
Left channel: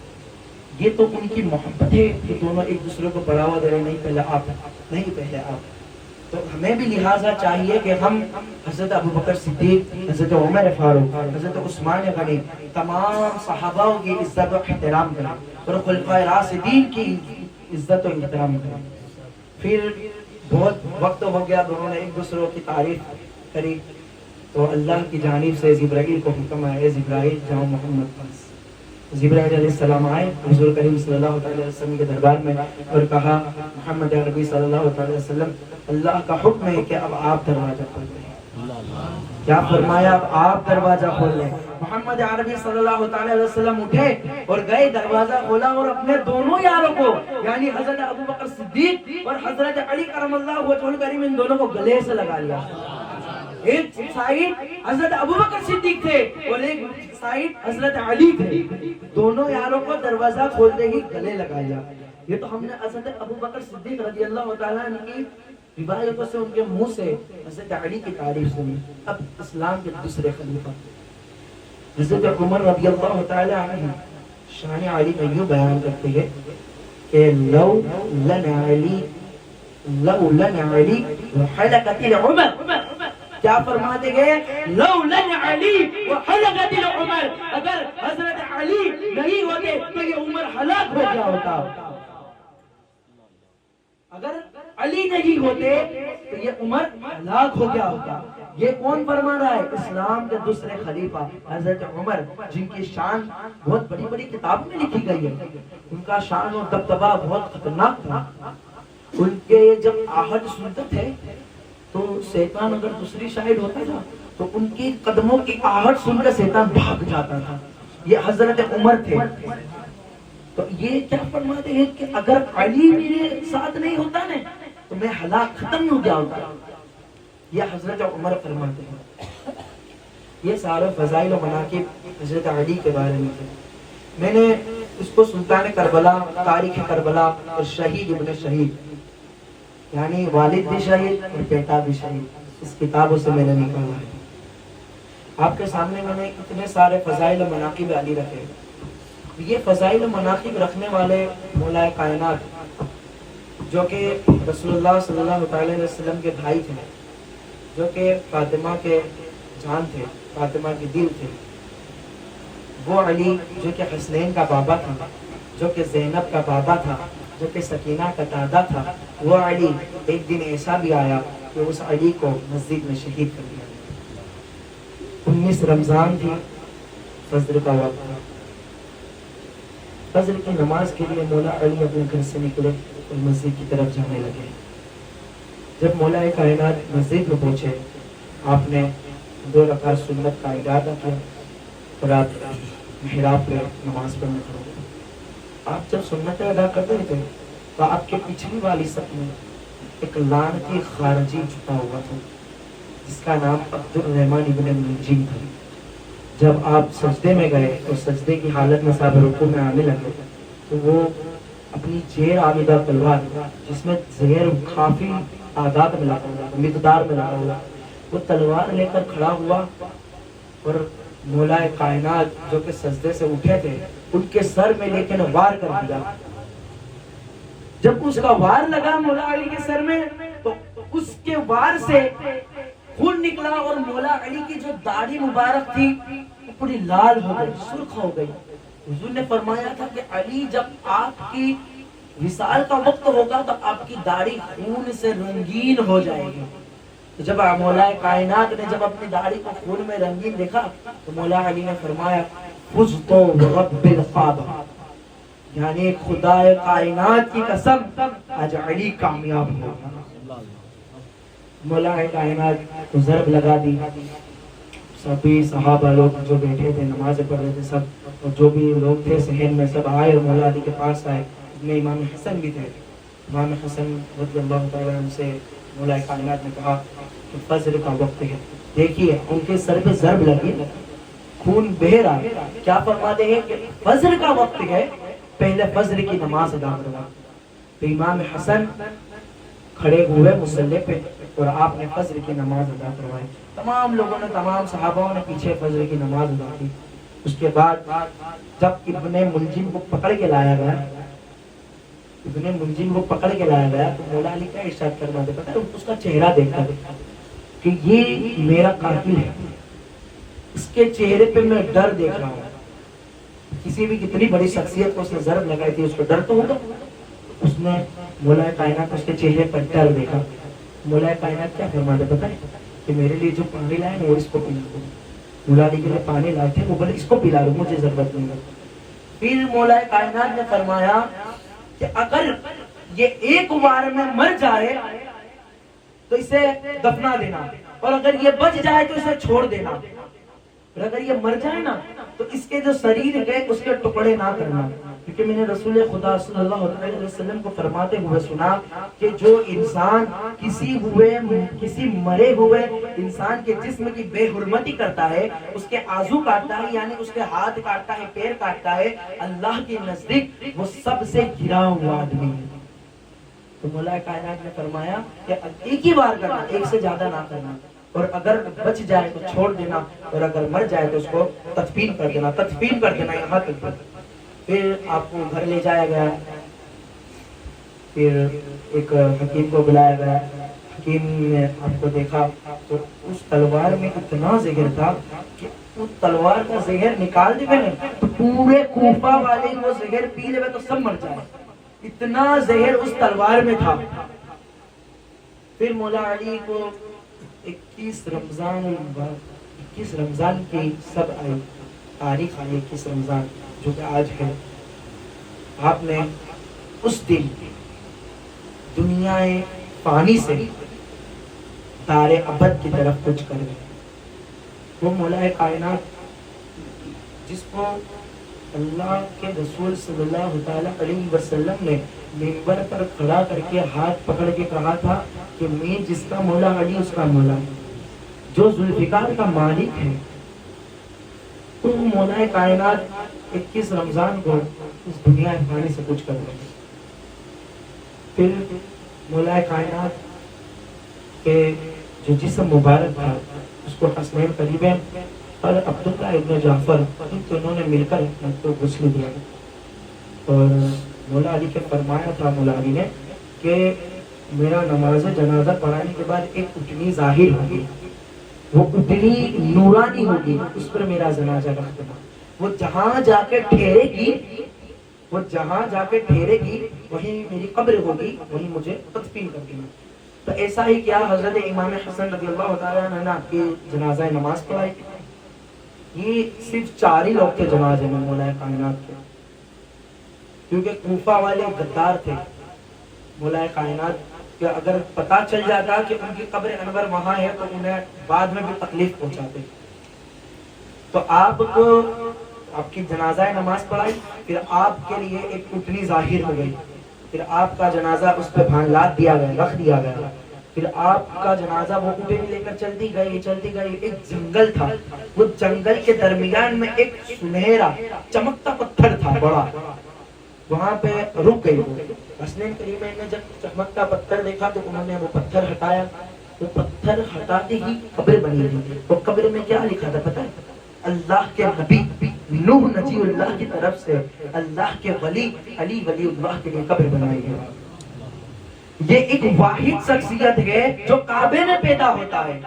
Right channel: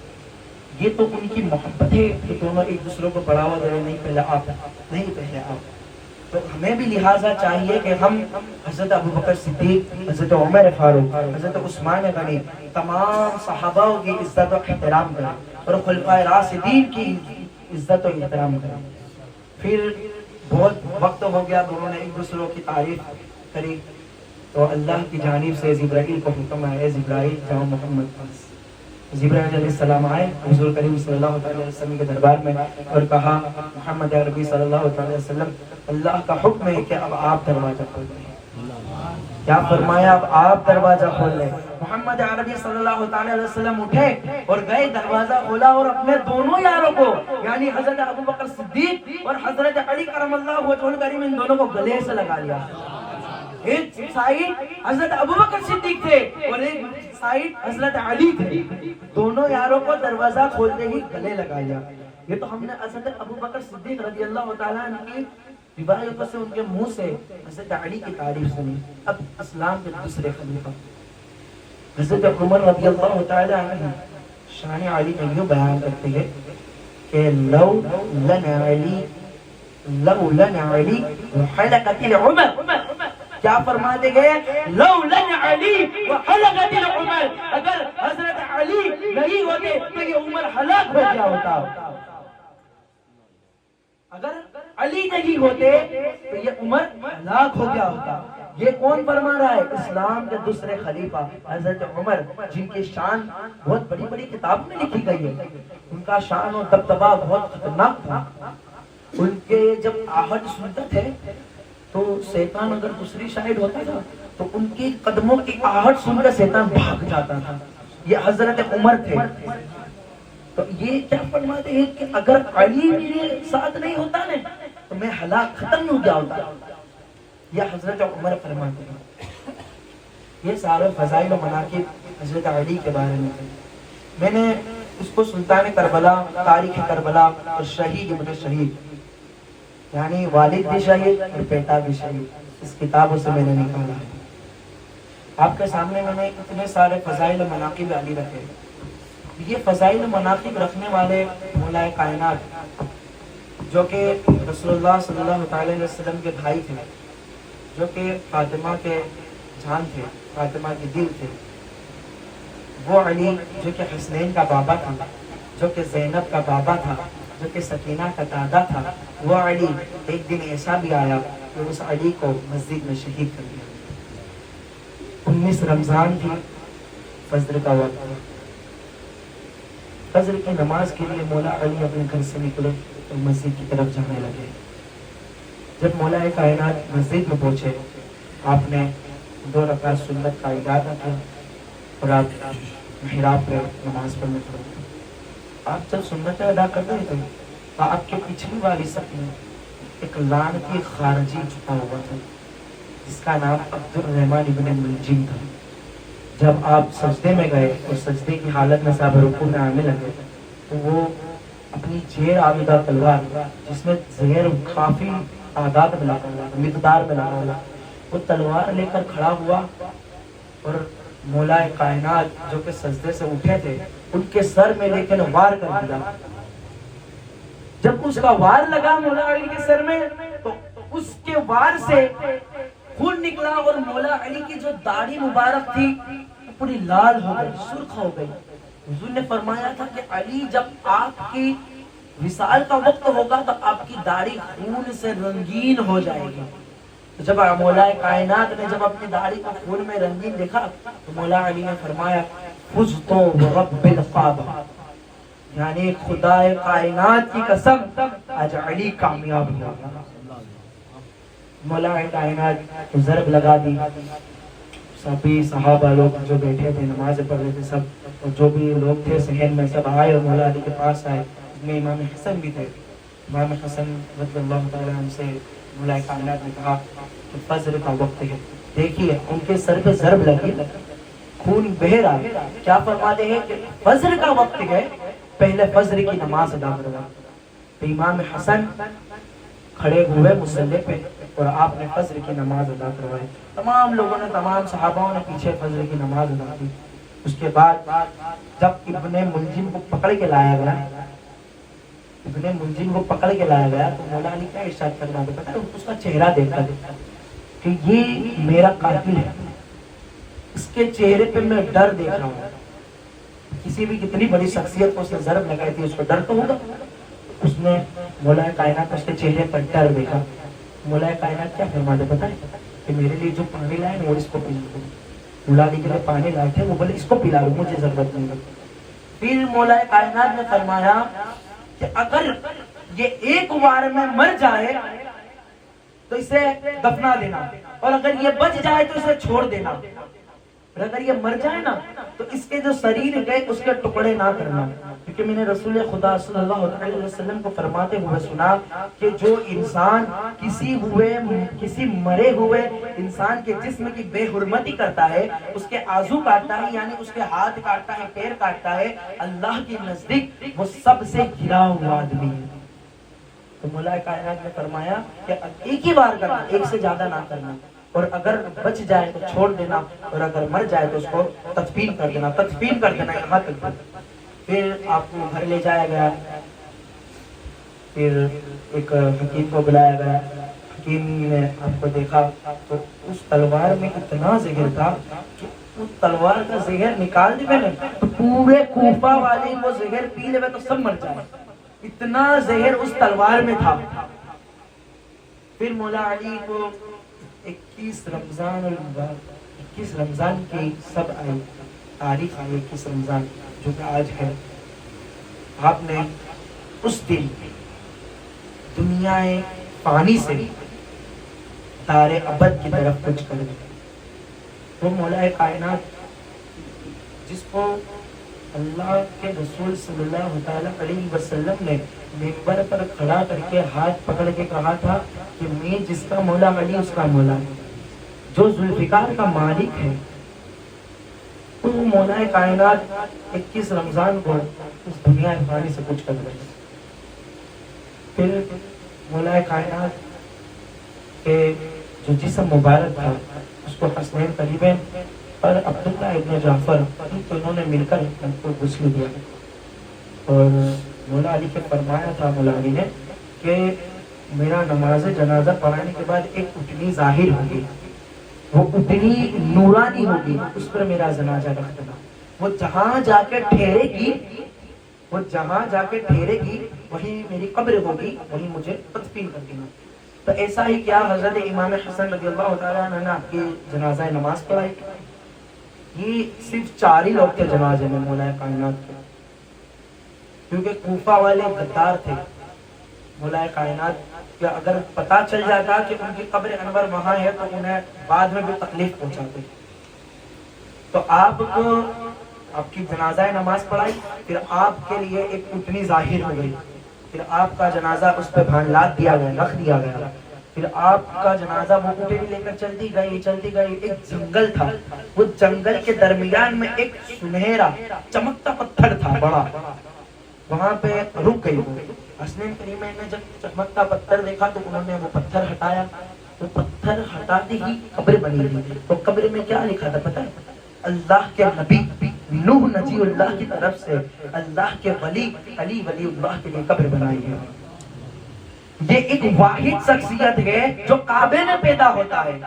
یہ تو ان کی محبت ہے کہ دونوں ایک دوسرے کو بڑھاوا دے رہے، نہیں پہلے آپ، نہیں پہلے آپ۔ تو ہمیں بھی لہٰذا چاہیے کہ ہم حضرت ابوبکر صدیق، حضرت عمر فاروق، حضرت عثمان غنی، تمام صحابہ کی عزت و احترام کریں اور خلفائے راشدین کی عزت و احترام کریں۔ پھر بہت وقت ہو گیا، دونوں نے ایک دوسرے کی تعریف کری، تو اللہ کی جانب سے جبرائیل کو حکم آیا، جبرائیل جاؤ محمد پاس۔ جبرائیل علیہ السلام آئے حضور کریم صلی اللہ علیہ وسلم کے دربار میں اور کہا محمد عربی صلی اللہ علیہ وسلم، اللہ کا حکم ہے کہ اب آپ دروازہ کھول لیں۔ کیا فرمایا؟ اب آپ دروازہ کھول لیں۔ محمد عربی صلی اللہ علیہ وسلم اٹھے اور گئے، دروازہ کھولا اور اپنے دونوں یاروں کو یعنی حضرت ابوبکر صدیق اور حضرت علی کرم اللہ وجہہ الکریم، ان دونوں کو گلے سے لگا لیا۔ ایک سائڈ حضرت ابوبکر صدیق تھے اور ایک سائڈ حضرت علی تھے. دونوں یاروں کو دروازہ کھولتے ہی گلے لگایا. یہ تو ہم نے حضرت ابوبکر صدیق رضی اللہ تعالیٰ عنہ کی روایتوں سے ان کے منہ سے حضرت علی کی تعریف سنی. اب اسلام کے دوسرے خلیفہ حضرت عمر رضی اللہ تعالیٰ عنہ شان علی میں یوں بیان کرتے ہیں کہ لو لنا علی حلقت العمر. کیا فرماتے گئے؟ لو لنا علی وحلقت العمر. اگر حضرت علی نہیں ہوتے تو یہ عمر ہلاک ہو گیا ہوتا. اگر علی نہیں ہوتے تو یہ عمر ہلاک ہو گیا ہوتا. یہ کون فرما رہا ہے؟ اسلام کے دوسرے خلیفہ حضرت عمر، جن کی شان بہت بڑی بڑی کتابوں میں لکھی گئی ہے. ان کا شان اور دبدبہ بہت خطرناک تھا. ان کے جب آہٹ سنتے تھے تو شیطان اگر دوسری سائڈ ہوتا تھا تو ان کی قدموں کی آہٹ سن کر شیطان بھاگ جاتا تھا. یہ حضرت عمر تھے. تو یہ کیا فرماتے ہیں کہ اگر علی میرے ساتھ نہیں ہوتا نا تو میں ہلاک ختم ہو گیا ہوتا. یہ حضرت عمر فرماتے ہیں. یہ سارے فضائل و مناقب حضرت علی کے بارے میں تھے. میں نے اس کو سلطان کربلا، تاریخ کربلا اور شہید ابن شہید، یعنی والد بھی شہید اور بیٹا بھی شہید، اس کتابوں سے میں نے نکالا ہے. آپ کے سامنے میں نے اتنے سارے فضائل و مناقب علی رکھے. یہ فضائل و مناقب رکھنے والے مولا کائنات جو کہ رسول اللہ صلی اللہ علیہ وسلم کے بھائی تھے، جو کہ فاطمہ کے جان تھے، فاطمہ کے دل تھے، وہ علی جو کہ حسنین کا بابا تھا، جو کہ زینب کا بابا تھا، جو کہ سکینہ کا دادا تھا، وہ علی ایک دن ایسا بھی آیا کہ اس علی کو مسجد میں شہید کر دیا. 19 رمضان تھی، فجر کا وقت تھا. فجر کی نماز کے لیے مولا علی اپنے گھر سے نکلے اور مسجد کی طرف جانے لگے. جب مولا کائنات مسجد میں پہنچے، آپ نے 2 رکعت سنت کا ادا کیا اور آپ محراب پہ نماز پڑھنے لگے. آپ جب سنت ادا کرتے تھے تو آپ کے پچھلی والی صف میں ایک لعنتی خارجی چھپا ہوا تھا جس کا نام عبد الرحمن ابن ملجم تھا. جب آپ سجدے میں گئے اور سجدے کی حالت میں صاحب رکوع میں آنے لگے تو وہ اپنی زیر آمیدہ تلوار، جس میں زہر کافی تعداد میں لگا ہوا، مقدار میں لگا ہوا، وہ تلوار لے کر کھڑا ہوا اور مولا کائنات جو کہ سجدے سے اٹھے تھے ان کے سر میں لے کر وار کر دیا. جب اس کا وار لگا مولا علی کے سر میں تو اس کے وار سے خون نکلا اور مولا علی کی جو داڑھی مبارک تھی وہ پوری لال ہو گئی، سرخ ہو گئی. حضور نے فرمایا تھا کہ علی جب آپ کی وصال کا وقت ہوگا تو آپ کی داڑھی خون سے رنگین ہو جائے گی. تو جب مولا کائنات نے جب اپنی داڑھی کو خون میں رنگین دیکھا تو مولا علی نے فرمایا فزت برب الکعبہ، یعنی خدا کائنات کی قسم آج علی کامیاب ہوا. مولا کائنات کو ضرب لگا دی. سبھی صحابہ لوگ جو بیٹھے تھے نماز پڑھ رہے تھے، سب اور جو بھی لوگ تھے صحن میں سب آئے اور مولا علی کے پاس آئے. اس میں امام حسن بھی تھے. امام حسن رضی اللہ تعالیٰ عنہ سے مولا کائنات نے کہا کہ فجر کا وقت ہے. دیکھیے ان کے سر پہ ضرب لگی، خون بہہ رہا. کیا فرماتے ہیں کہ فجر کا وقت ہے، پہلے فجر کی نماز ادا کرنا. تو امام حسن کھڑے ہوئے مصلی پہ اور آپ نے فجر کی نماز ادا کروائی. تمام لوگوں نے، تمام صحابہ نے پیچھے فجر کی نماز ادا کی. اس کے بعد جب ابن ملجم کو پکڑ کے لایا گیا، تو مولا علی کیا ارشاد فرماتے پتہ ہے؟ اس کا چہرہ دیکھا کہ یہ میرا قاتل ہے، اس کے چہرے پہ میں ڈر دیکھ رہا ہوں. کسی بھی کتنی بڑی شخصیت کو اس نے ضرب لگائی تھی، اس کو ڈر تو ہوگا. اس نے مولا کائنات اس کے چہرے پر ڈر دیکھا. مولا کائنات کیا فرماتے پتہ ہے کہ میرے لیے جو پانی لائے نا وہ اس کو پلا دو. مولا علی کے لیے پانی لائے تھے، وہ بولے اس کو پلا دو، مجھے ضرورت نہیں. پھر مولا کائنات نے فرمایا کہ اگر یہ ایک وار میں مر جائے تو اسے دفنا دینا، اور اگر یہ بچ جائے تو اسے چھوڑ دینا. اور اگر یہ مر جائے نا تو اس کے جو شریر گئے اس کے ٹکڑے نہ کرنا. کیونکہ میں نے رسول خدا صلی اللہ علیہ وسلم کو فرماتے ہوئے سنا کہ جو انسان کسی مرے ہوئے انسان کے جسم کی بے حرمتی کرتا ہے، اس کے عضو کاٹتا ہے، یعنی اس کے ہاتھ کاٹتا ہے، پیر کاٹتا ہے، اللہ کے نزدیک وہ سب سے گرا ہوا آدمی ہے۔ تو مولا کائنات نے فرمایا کہ ایک ہی بار کرنا، ایک سے زیادہ نہ کرنا، اور اگر بچ جائے تو چھوڑ دینا، اور اگر مر جائے تو اس کو تدفین کر دینا یہاں تک۔ پھر آپ کو گھر لے جایا گیا، پھر ایک حکیم کو بلایا گیا، حکیم نے آپ کو دیکھا تو اس تلوار میں اتنا زہر تھا کہ اس تلوار کا زہر نکال دی میں نے تو پورے کوفہ والے وہ زہر پی لے تو سب مر جائے، اتنا زہر اس تلوار میں تھا۔ پھر مولا علی کو 21 رمضان کی سب آئی، تاریخ آئی 21 رمضان جو کہ آج ہے۔ آپ نے اس دن دنیا فانی سے دار ابد کی طرف کچھ کر دی۔ وہ مولا کائنات جس کو اللہ کے رسول صلی اللہ تعالی علیہ وسلم نے منبر پر کھڑا کر کے ہاتھ پکڑ کے کہا تھا کہ میں جس کا مولا علی اس کا مولا، جو ذوالفقار کا مالک ہے، تو مولا کائنات 21 رمضان کو اس دنیا فانی سے کچھ کر رہے۔ پھر مولا کائنات کے جو جسم مبارک تھا اس کو حسنین قریبین اور عبداللہ ابن جعفر ان دونوں نے مل کر ان کو غسل دیا، اور مولا علی پہ فرمایا تھا مولا علی نے کہ میرا نماز جنازہ پڑھانے کے بعد ایک اٹھنی ظاہر ہوگی، وہ اتنی نورانی ہوگی، اس پر میرا جنازہ رکھ دینا، وہ جہاں جا کے ٹھہرے گی وہی میری قبر ہوگی، وہی مجھے تدفین کر دینا۔ تو ایسا ہی کیا حضرت امام حسن رضی اللہ تعالیٰ عنہ نے آپ کی جنازہ نماز پڑھائی۔ یہ صرف 4 ہی لوگ تھے جنازے میں مولا کائنات کے، کیونکہ کوفہ والے غدار تھے۔ مولا کائنات کہ اگر پتا چل جاتا کہ ان کی قبر انور وہاں ہے تو انہیں بعد میں بھی تکلیف پہنچاتے، تو آپ کو آپ کی جنازہ نماز پڑھائی، پھر آپ کے لیے ایک اٹھنی ظاہر ہو گئی، پھر آپ کا جنازہ اس پہ لاد دیا گیا، رکھ دیا گیا، پھر آپ کا جنازہ وہ اٹھے لے کر چلتی گئی۔ ایک جنگل تھا، وہ جنگل کے درمیان میں ایک سنہرا چمکتا پتھر تھا بڑا، وہاں پہ رک گئی وہ۔ حسنین کریمین نے جب چمکتا پتھر دیکھا تو انہوں نے وہ پتھر ہٹایا، وہ پتھر ہٹاتے ہی قبر بنی تھی۔ تو قبر میں کیا لکھا تھا پتہ ہے؟ اللہ کے نبی نوح نجی اللہ کی طرف سے اللہ کے ولی علی ولی اللہ کے لیے قبر بنائی ہے۔ یہ ایک واحد شخصیت ہے جو کعبے میں پیدا ہوتا ہے،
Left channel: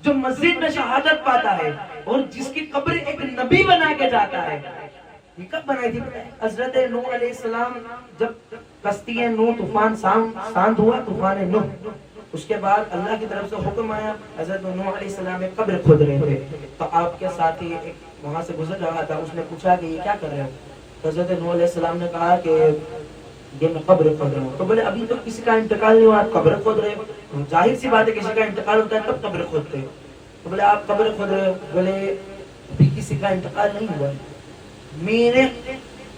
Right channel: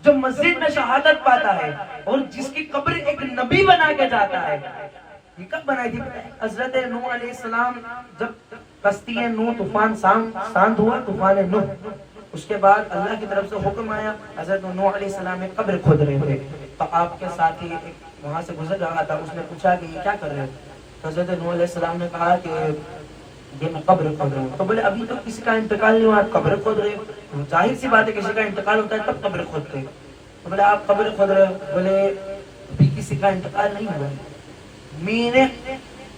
جو مسجد میں شہادت پاتا ہے، اور جس کی قبر ایک نبی بنا کے جاتا ہے۔ یہ کب بنائی تھی؟ حضرت نوح علیہ السلام جب کشتی نوح طوفان ساند ہوا، طوفان نوح، اس کے بعد اللہ کی طرف سے حکم آیا، حضرت نوح علیہ السلام ایک قبر کھود رہے تھے، تو آپ کے ساتھی وہاں سے گزر رہا تھا، اس نے پوچھا کہ یہ کیا کر رہے ہیں؟ تو حضرت نوح علیہ السلام نے کہا کہ یہ میں قبر کھود رہا ہوں۔ تو بولے ابھی تو کسی کا انتقال نہیں ہوا، قبر کھود رہے ہو؟ ظاہر سی بات ہے کسی کا انتقال ہوتا ہے تب قبر کھودتے ہیں۔ تو بولے آپ قبر کھود رہے ہو؟ بولے ابھی کسی کا انتقال نہیں ہوا، میرے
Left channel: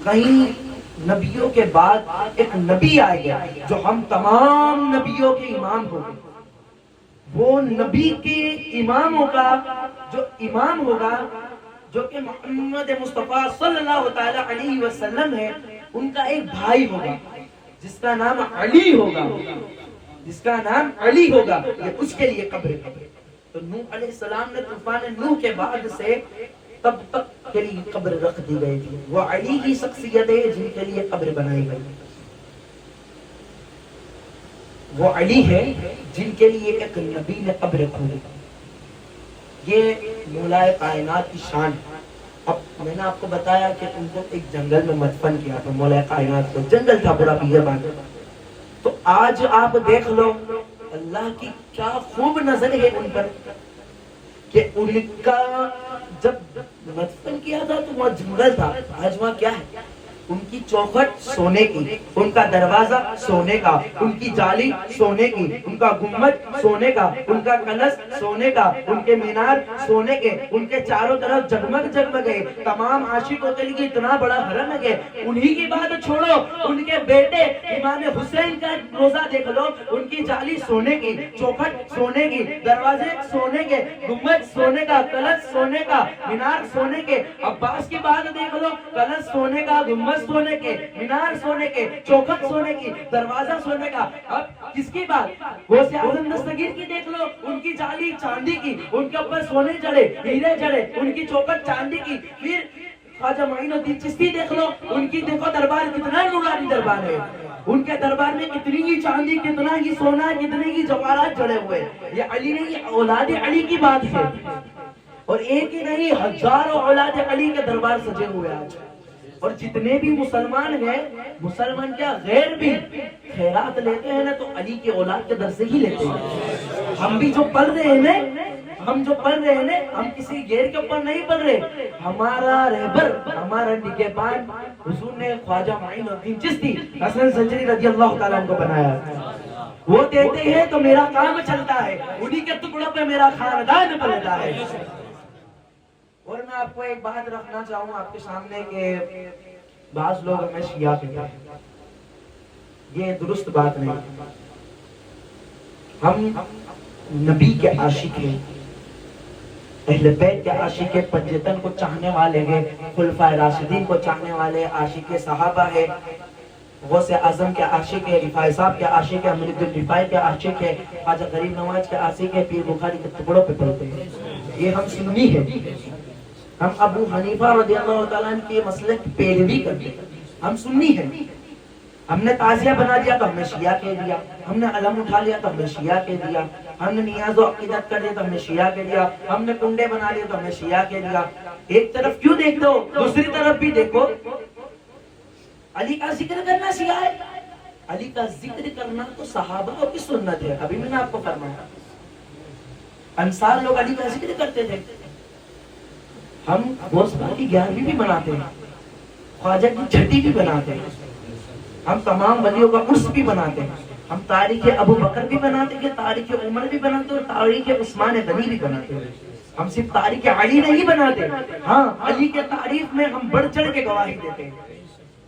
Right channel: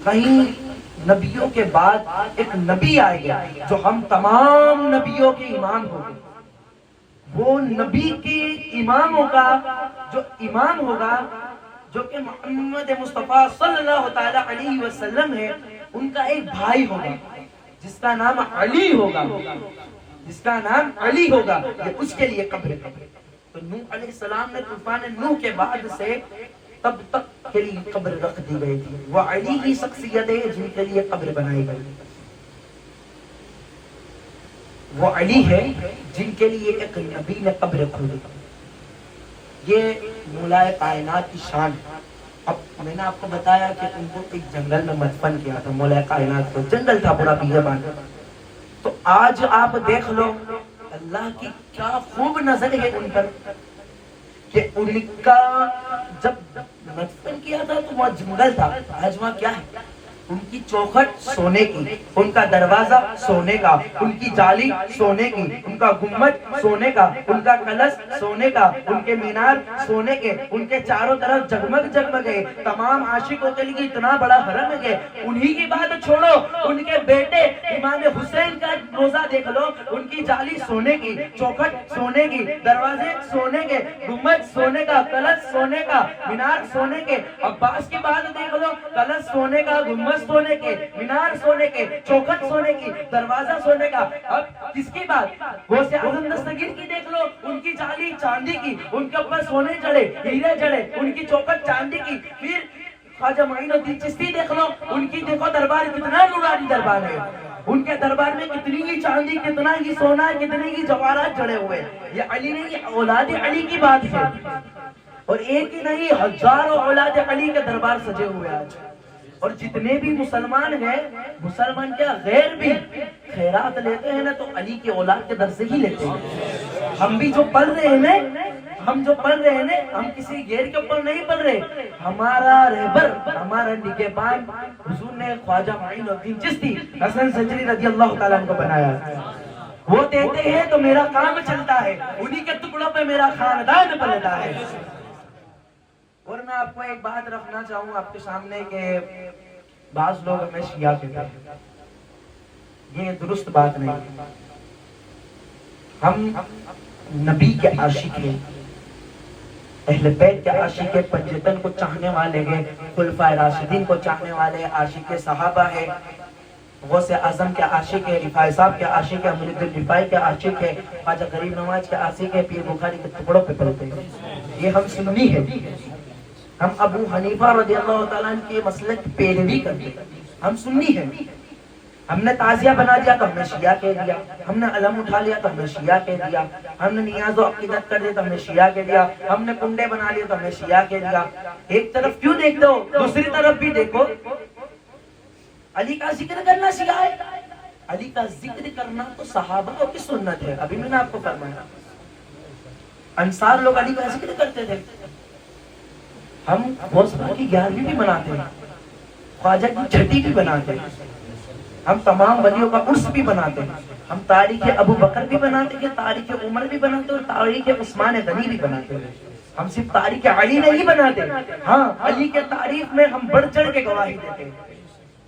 کہیں نبیوں کے بعد ایک نبی آئے گا جو ہم تمام نبیوں کے امام ہوگا، وہ نبی کے امام ہوگا جو کہ محمد مصطفیٰ صلی اللہ تعالی علیہ وسلم ہے، ان کا ایک بھائی ہوگا جس کا نام علی ہوگا، یہ اس کے لیے قبر۔ تو نوح علیہ السلام نے طوفان نوح کے بعد سے تب تک کے لیے قبر رکھ دی گئی تھی۔ وہ علی کی شخصیت ہے جن کے لیے قبر بنائی گئی، وہ علی ہے جن کے لیے ایک نبی نے قبر کھودی۔ یہ مولا کائنات کی شان۔ اب میں نے آپ کو بتایا کہ ان کو ایک جنگل میں مدفن کیا تھا، مولا کائنات کو جنگل تھا پورا بیابان۔ تو آج آپ دیکھ لو اللہ کی کیا خوب نظر ہے ان پر کہ ان کا جب مدفن کیا تھا تو وہاں جنگل تھا، آج وہاں کیا ہے؟ ان کی چوکھٹ سونے کی، ان کا دروازہ سونے کا، ان کی جالی سونے کی، ان کا گنبد سونے کا، ان کا کلش سونے کا، ان کے مینار سونے کے، ان کے چاروں طرف جگمگ جگمگے، تمام عاشقوں کے لیے اتنا بڑا حرم ہے۔ انہی کی بات چھوڑو، ان کے بیٹے امام حسین کا روزہ دیکھ لو، ان کی جالی سونے کی، چوکھٹ سونے کی، دروازے سونے کے، گنبد سونے کا، کلش سونے کا، مینار سونے کے۔ عباس کی بات دیکھ لو، کلش سونے کا، گنبد سونے کے، مینار سونے کے، چوکھٹ سونے کی، دروازہ سونے کا۔ اب کس کی بات؟ غوث اعظم دستگیر کی دیکھ لو، ان کی جالی چاندی کی، ان کے اوپر سونے جڑے، ہیرے جڑے، ان کی چوکھٹ چاندی کی۔ پھر خواجہ معین الدین چشتی دیکھ لو، ان کی دیکھو دربار کتنا نورانی دربار ہے، ان کے دربار میں کتنی ہی چاندی، کتنا ہی سونا، کتنے ہی جواہرات جڑے ہوئے۔ یہ علی نہیں، یہ اولاد علی کی بات ہے، اور ایک ہی نہیں، ہزاروں اولاد علی کے دربار سجے ہوئے آج۔ اور جتنے بھی مسلمان ہیں، مسلمان کیا غیر بھی خیرات لیتے ہیں نا تو علی کے اولاد کے در سے ہی لیتے ہیں۔ ہم بھی جو پڑھ رہے ہیں نا، ہم کسی غیر کے اوپر نہیں پڑھ رہے۔ ہمارا رہبر، ہمارا نگہبان حضور نے خواجہ معین الدین چشتی حسن زنجری رضی اللہ تعالیٰ عنہ کو بنایا۔ وہ دیتے ہیں تو میرا کام چلتا ہے، انہی کے ٹکڑوں پہ میرا خاندان پلتا ہے۔ اور میں آپ کو ایک بات رکھنا چاہوں آپ کے سامنے کہ بعض لوگ ہمیں شیعہ کہتے ہیں، یہ درست بات نہیں۔ ہم نبی کے عاشق ہیں، اہل بیت کے عاشق ہیں، پنجتن کو چاہنے والے ہیں، خلفائے راشدین کو چاہنے والے، عاشق صحابہ ہیں، غوث اعظم کے عاشق ہے، رفاعی صاحب کے عاشق ہے، امیر الرفاعی کے عاشق ہے، خواجہ غریب نواز کے عاشق ہے، پیر بخاری کے ٹکڑوں پہ پڑھتے ہیں۔ یہ ہم سنی ہے، ہم ابو حنیفہ رضی اللہ تعالیٰ عنہ کے مسلک کی پیروی کرتے ہیں، ہم سنی ہیں۔ ہم نے تعزیہ بنا دیا تو ہم نے شیعہ کہہ دیا، ہم نے علم اٹھا لیا تو ہم نے شیعہ کہہ دیا، ہم نے نیاز و عقیدت کر دیا تو ہم نے شیعہ کہہ دیا، ہم نے کنڈے بنا لیے تو ہم نے شیعہ کہہ دیا۔ ایک طرف کیوں دیکھتے ہو، دوسری طرف بھی دیکھو۔ علی کا ذکر کرنا شیعہ ہے، علی کا ذکر کرنا تو صحابہ کی سنت ہے۔ ابھی میں نے آپ کو فرمایا انصار لوگ علی کا ذکر کرتے تھے، ہم غوث پاک کی 11ویں بھی مناتے ہیں، خواجہ کی چھٹی بھی بناتے ہیں، ہم تمام ولیوں کا عرس بھی بناتے ہیں، ہم تاریخ ابو بکر بھی بناتے ہیں، تاریخ عمر بھی بناتے ہیں، تاریخ عثمان غنی بھی بناتے ہیں۔ ہم صرف تاریخ علی نہیں بناتے، ہاں علی کے تاریخ میں ہم بڑھ چڑھ کے گواہی دیتے ہیں۔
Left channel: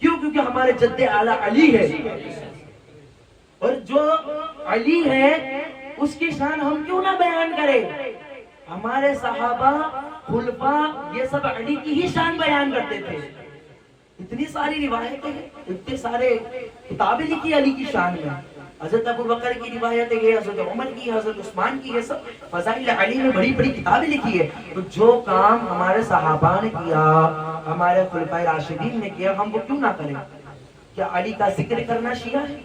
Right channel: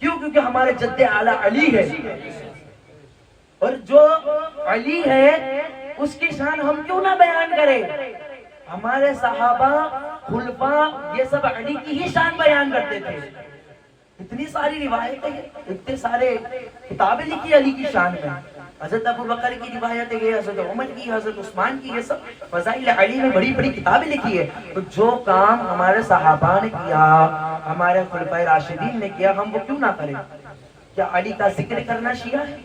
کیوں؟ کیونکہ ہمارے جد اعلیٰ علی ہے، اور جو علی ہے اس کی شان ہم کیوں نہ بیان کریں؟ ہمارے صحابہ، خلفاء، یہ سب علی کی ہی شان بیان کرتے تھے۔ اتنی ساری روایتیں ہیں، اتنے سارے کتابیں لکھی علی کی شان میں، حضرت ابو بکر کی روایتیں ہیں، حضرت عمر کی، حضرت عثمان کی، یہ سب فضائل علی میں بڑی بڑی کتابیں لکھی ہے۔ تو جو کام ہمارے صحابہ نے کیا، ہمارے خلفائے راشدین نے کیا، ہم وہ کیوں نہ کریں؟ کیا علی کا ذکر کرنا شیعہ ہے؟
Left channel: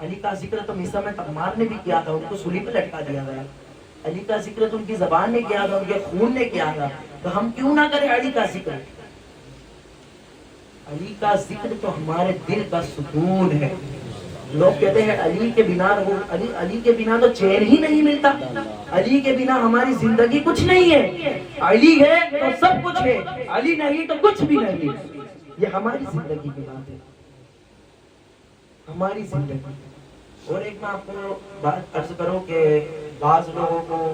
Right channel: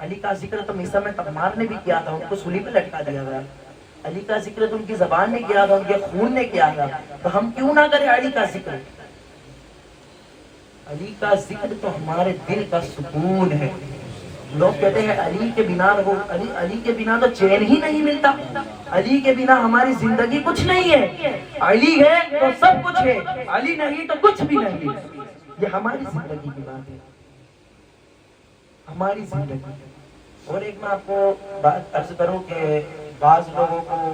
علی کا ذکر تو مصر میں تمار نے بھی کیا تھا، ان کو سولی پہ لٹکا دیا گیا۔ علی کا ذکر تو ان کی زبان نے کیا تھا، ان کے خون نے کیا تھا، تو ہم کیوں نہ کریں علی کا ذکر؟ علی کا ذکر تو ہمارے دل کا سکون ہے۔ لوگ کہتے ہیں علی کے بنا علی کے بنا تو چین ہی نہیں ملتا، علی کے بنا ہماری زندگی کچھ نہیں ہے، علی ہے تو سب کچھ ہے، علی نہیں تو کچھ بھی نہیں۔ یہ ہماری زندگی کی بات ہے، ہماری زندگی۔ اور ایک میں آپ کو بات عرض کروں کہ بعض لوگوں کو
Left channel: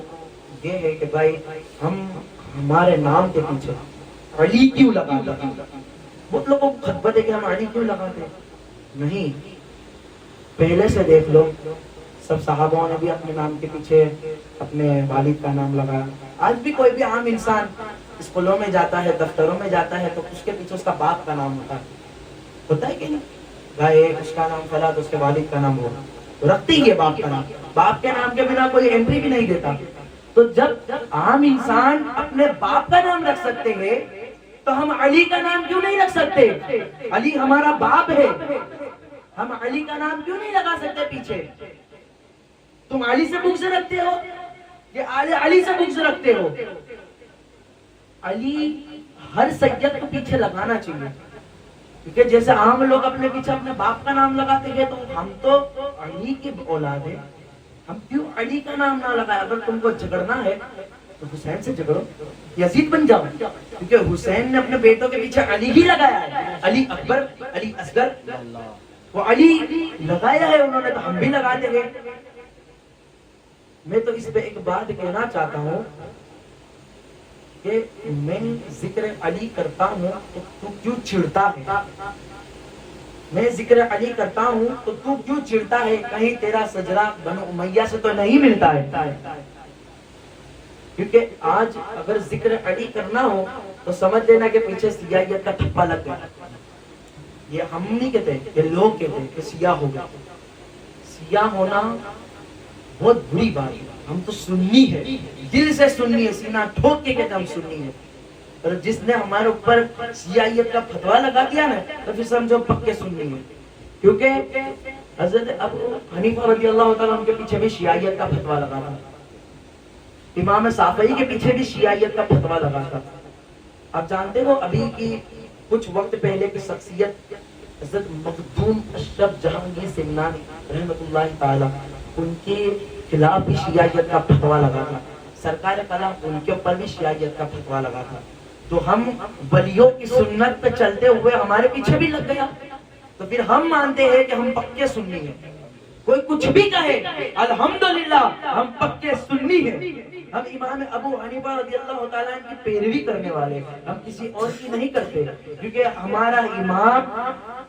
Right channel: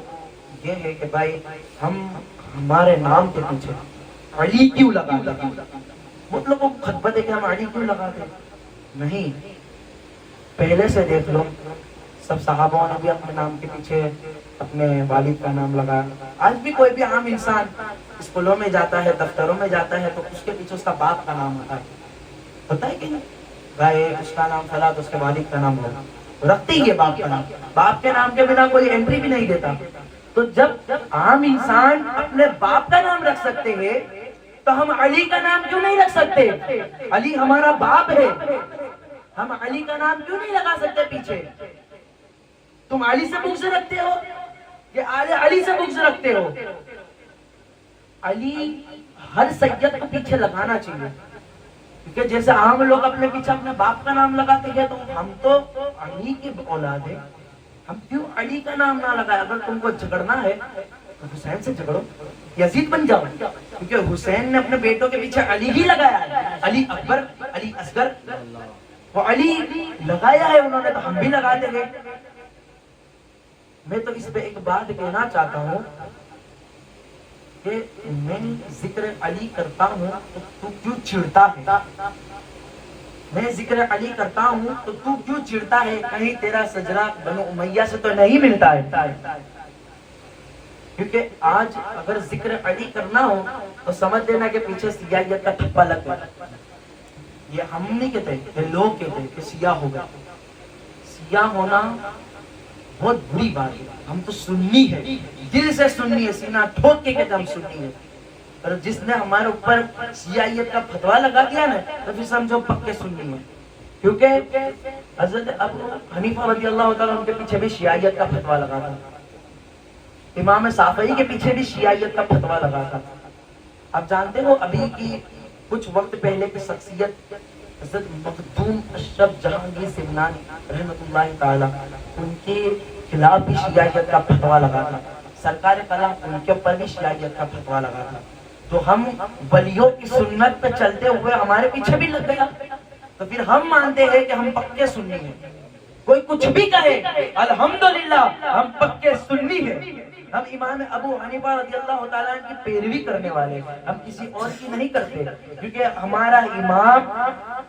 یہ ہے کہ بھائی ہمارے نام کے پیچھے علی کیوں لگاتے ہیں، وہ لوگوں کو خطبت ہے کہ ہم علی کیوں لگاتے ہیں؟ نہیں، پہلے سے دیکھ لو، سب صحابوں نے بھی اپنے نام کے پیچھے اپنے والد کا نام لگایا۔ آج بھی کوئی بھی عام انسان اسکولوں میں جاتا ہے، دفتروں میں جاتا ہے، تو اس کے پیچھے اس کا باپ کا نام ہوتا ہے کہ نہیں؟ گائے اس کا نام فلاں تو اس کے والد کا نام ہوگا، رکھتے ہی ہے باپ کا نام۔ باپ کے نام کے بنا کوئی انٹری بھی نہیں دیتا۔ تو جب عام انسان اپنے باپ کا نام رکھ سکتے ہیں تو ہم علی کا نام کیوں نہیں رکھ سکتے؟ علی ہمارا باپ ہے، ہم علی کا نام کیوں نہیں لگا سکتے پیچھے؟ تم علی سے بغض رکھتے ہو یا آل علی سے بغض رکھتے ہو؟ علی ہر سید کو پیچھے لگانا چاہیے، کیونکہ جیسے عام لوگ اپنے پیچھے اپنے باپ کا نام لگاتے ہیں، تو ہم تو علی کی اولاد ہیں، ہم کیوں علی کا نام نہ لگائیں؟ اگر تم کو جھگڑنا ہے تو حسین سے جھگڑو، یزید بن جاؤ، کیونکہ حسین نے اپنے بیٹوں کے پیچھے علی ہی لگایا ہے، علی اکبر، علی اصغر، وہ علی لگایا ہے انہوں نے، تو ہم بھی لگاتے گئے۔ میں تو اس پہ ایک بات کہنا چاہتا ہوں کہ میں ذکر علی کرتا ہوں تو کیوں چڑھتا ہے؟ میں ذکر علی کرتا ہوں تو کیوں چڑھتا ہے؟ کہیں تیرا سجدہ بنو امیہ سے تو نہیں ملتا ہے؟ کیونکہ آج اگر ذکر علی کرنا ہو تو سمجھ لینا کہ پیچھے سیاہیت کا ٹھپا لگ گیا۔ یہ ہم نہیں کہتے، یہ لوگ کہتے ہیں کہ سیاہ ہوگا۔ سیاہ ہونا بہت بری بات ہے، ہم تو سنی ہے، دل سے سنی ہے، سینہ ٹھوک کے کہتے ہم سنی ہے۔ اور جس نے ہمارے اوپر سیاہیت کا فتویٰ لگا دیا نا تو پھر سمجھو پکے سنی ہے، کیونکہ حضرت ابو حنیفہ رضی اللہ تعالیٰ ان کے پیچھے بھی شیعیت کا فتویٰ لگا تھا، امام شافعی کے پیچھے بھی شیعیت کا فتویٰ لگا تھا۔ آپ جانتے ہو ابھی کی کچھ وقت پہلے کی شخصیت حضرت مخدوم اشرف جہانگیر سمنانی رحمۃ اللہ تعالی، ان کے خلاف بھی شیعیت کا فتویٰ لگا تھا، سرکار خلاف ان کے اوپر بھی شیعیت کا فتویٰ لگا تھا۔ تو ہم ولیوں کی سنت پہ چلتے ہوئے ہمارے پیچھے بھی لگ گیا، تو پھر ہم مانتے ہیں کہ ہم پکے سنی ہیں۔ کوئی کچھ بھی کہے الحمدللہ ہم پکے سنی ہیں، ہم امام ابو حنیفہ رضی اللہ تعالیٰ کی پیروی کرنے والے، ہم کسی اور کی نہیں کرتے، کیونکہ ہمارا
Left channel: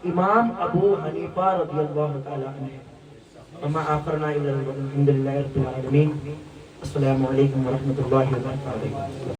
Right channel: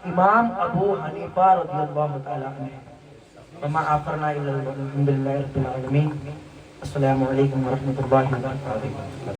امام ابو حنیفہ رضی اللہ تعالیٰ ہے۔ وما آخرنا الا الحمد للہ رب العالمین۔ السلام علیکم ورحمۃ اللہ وبرکاتہ۔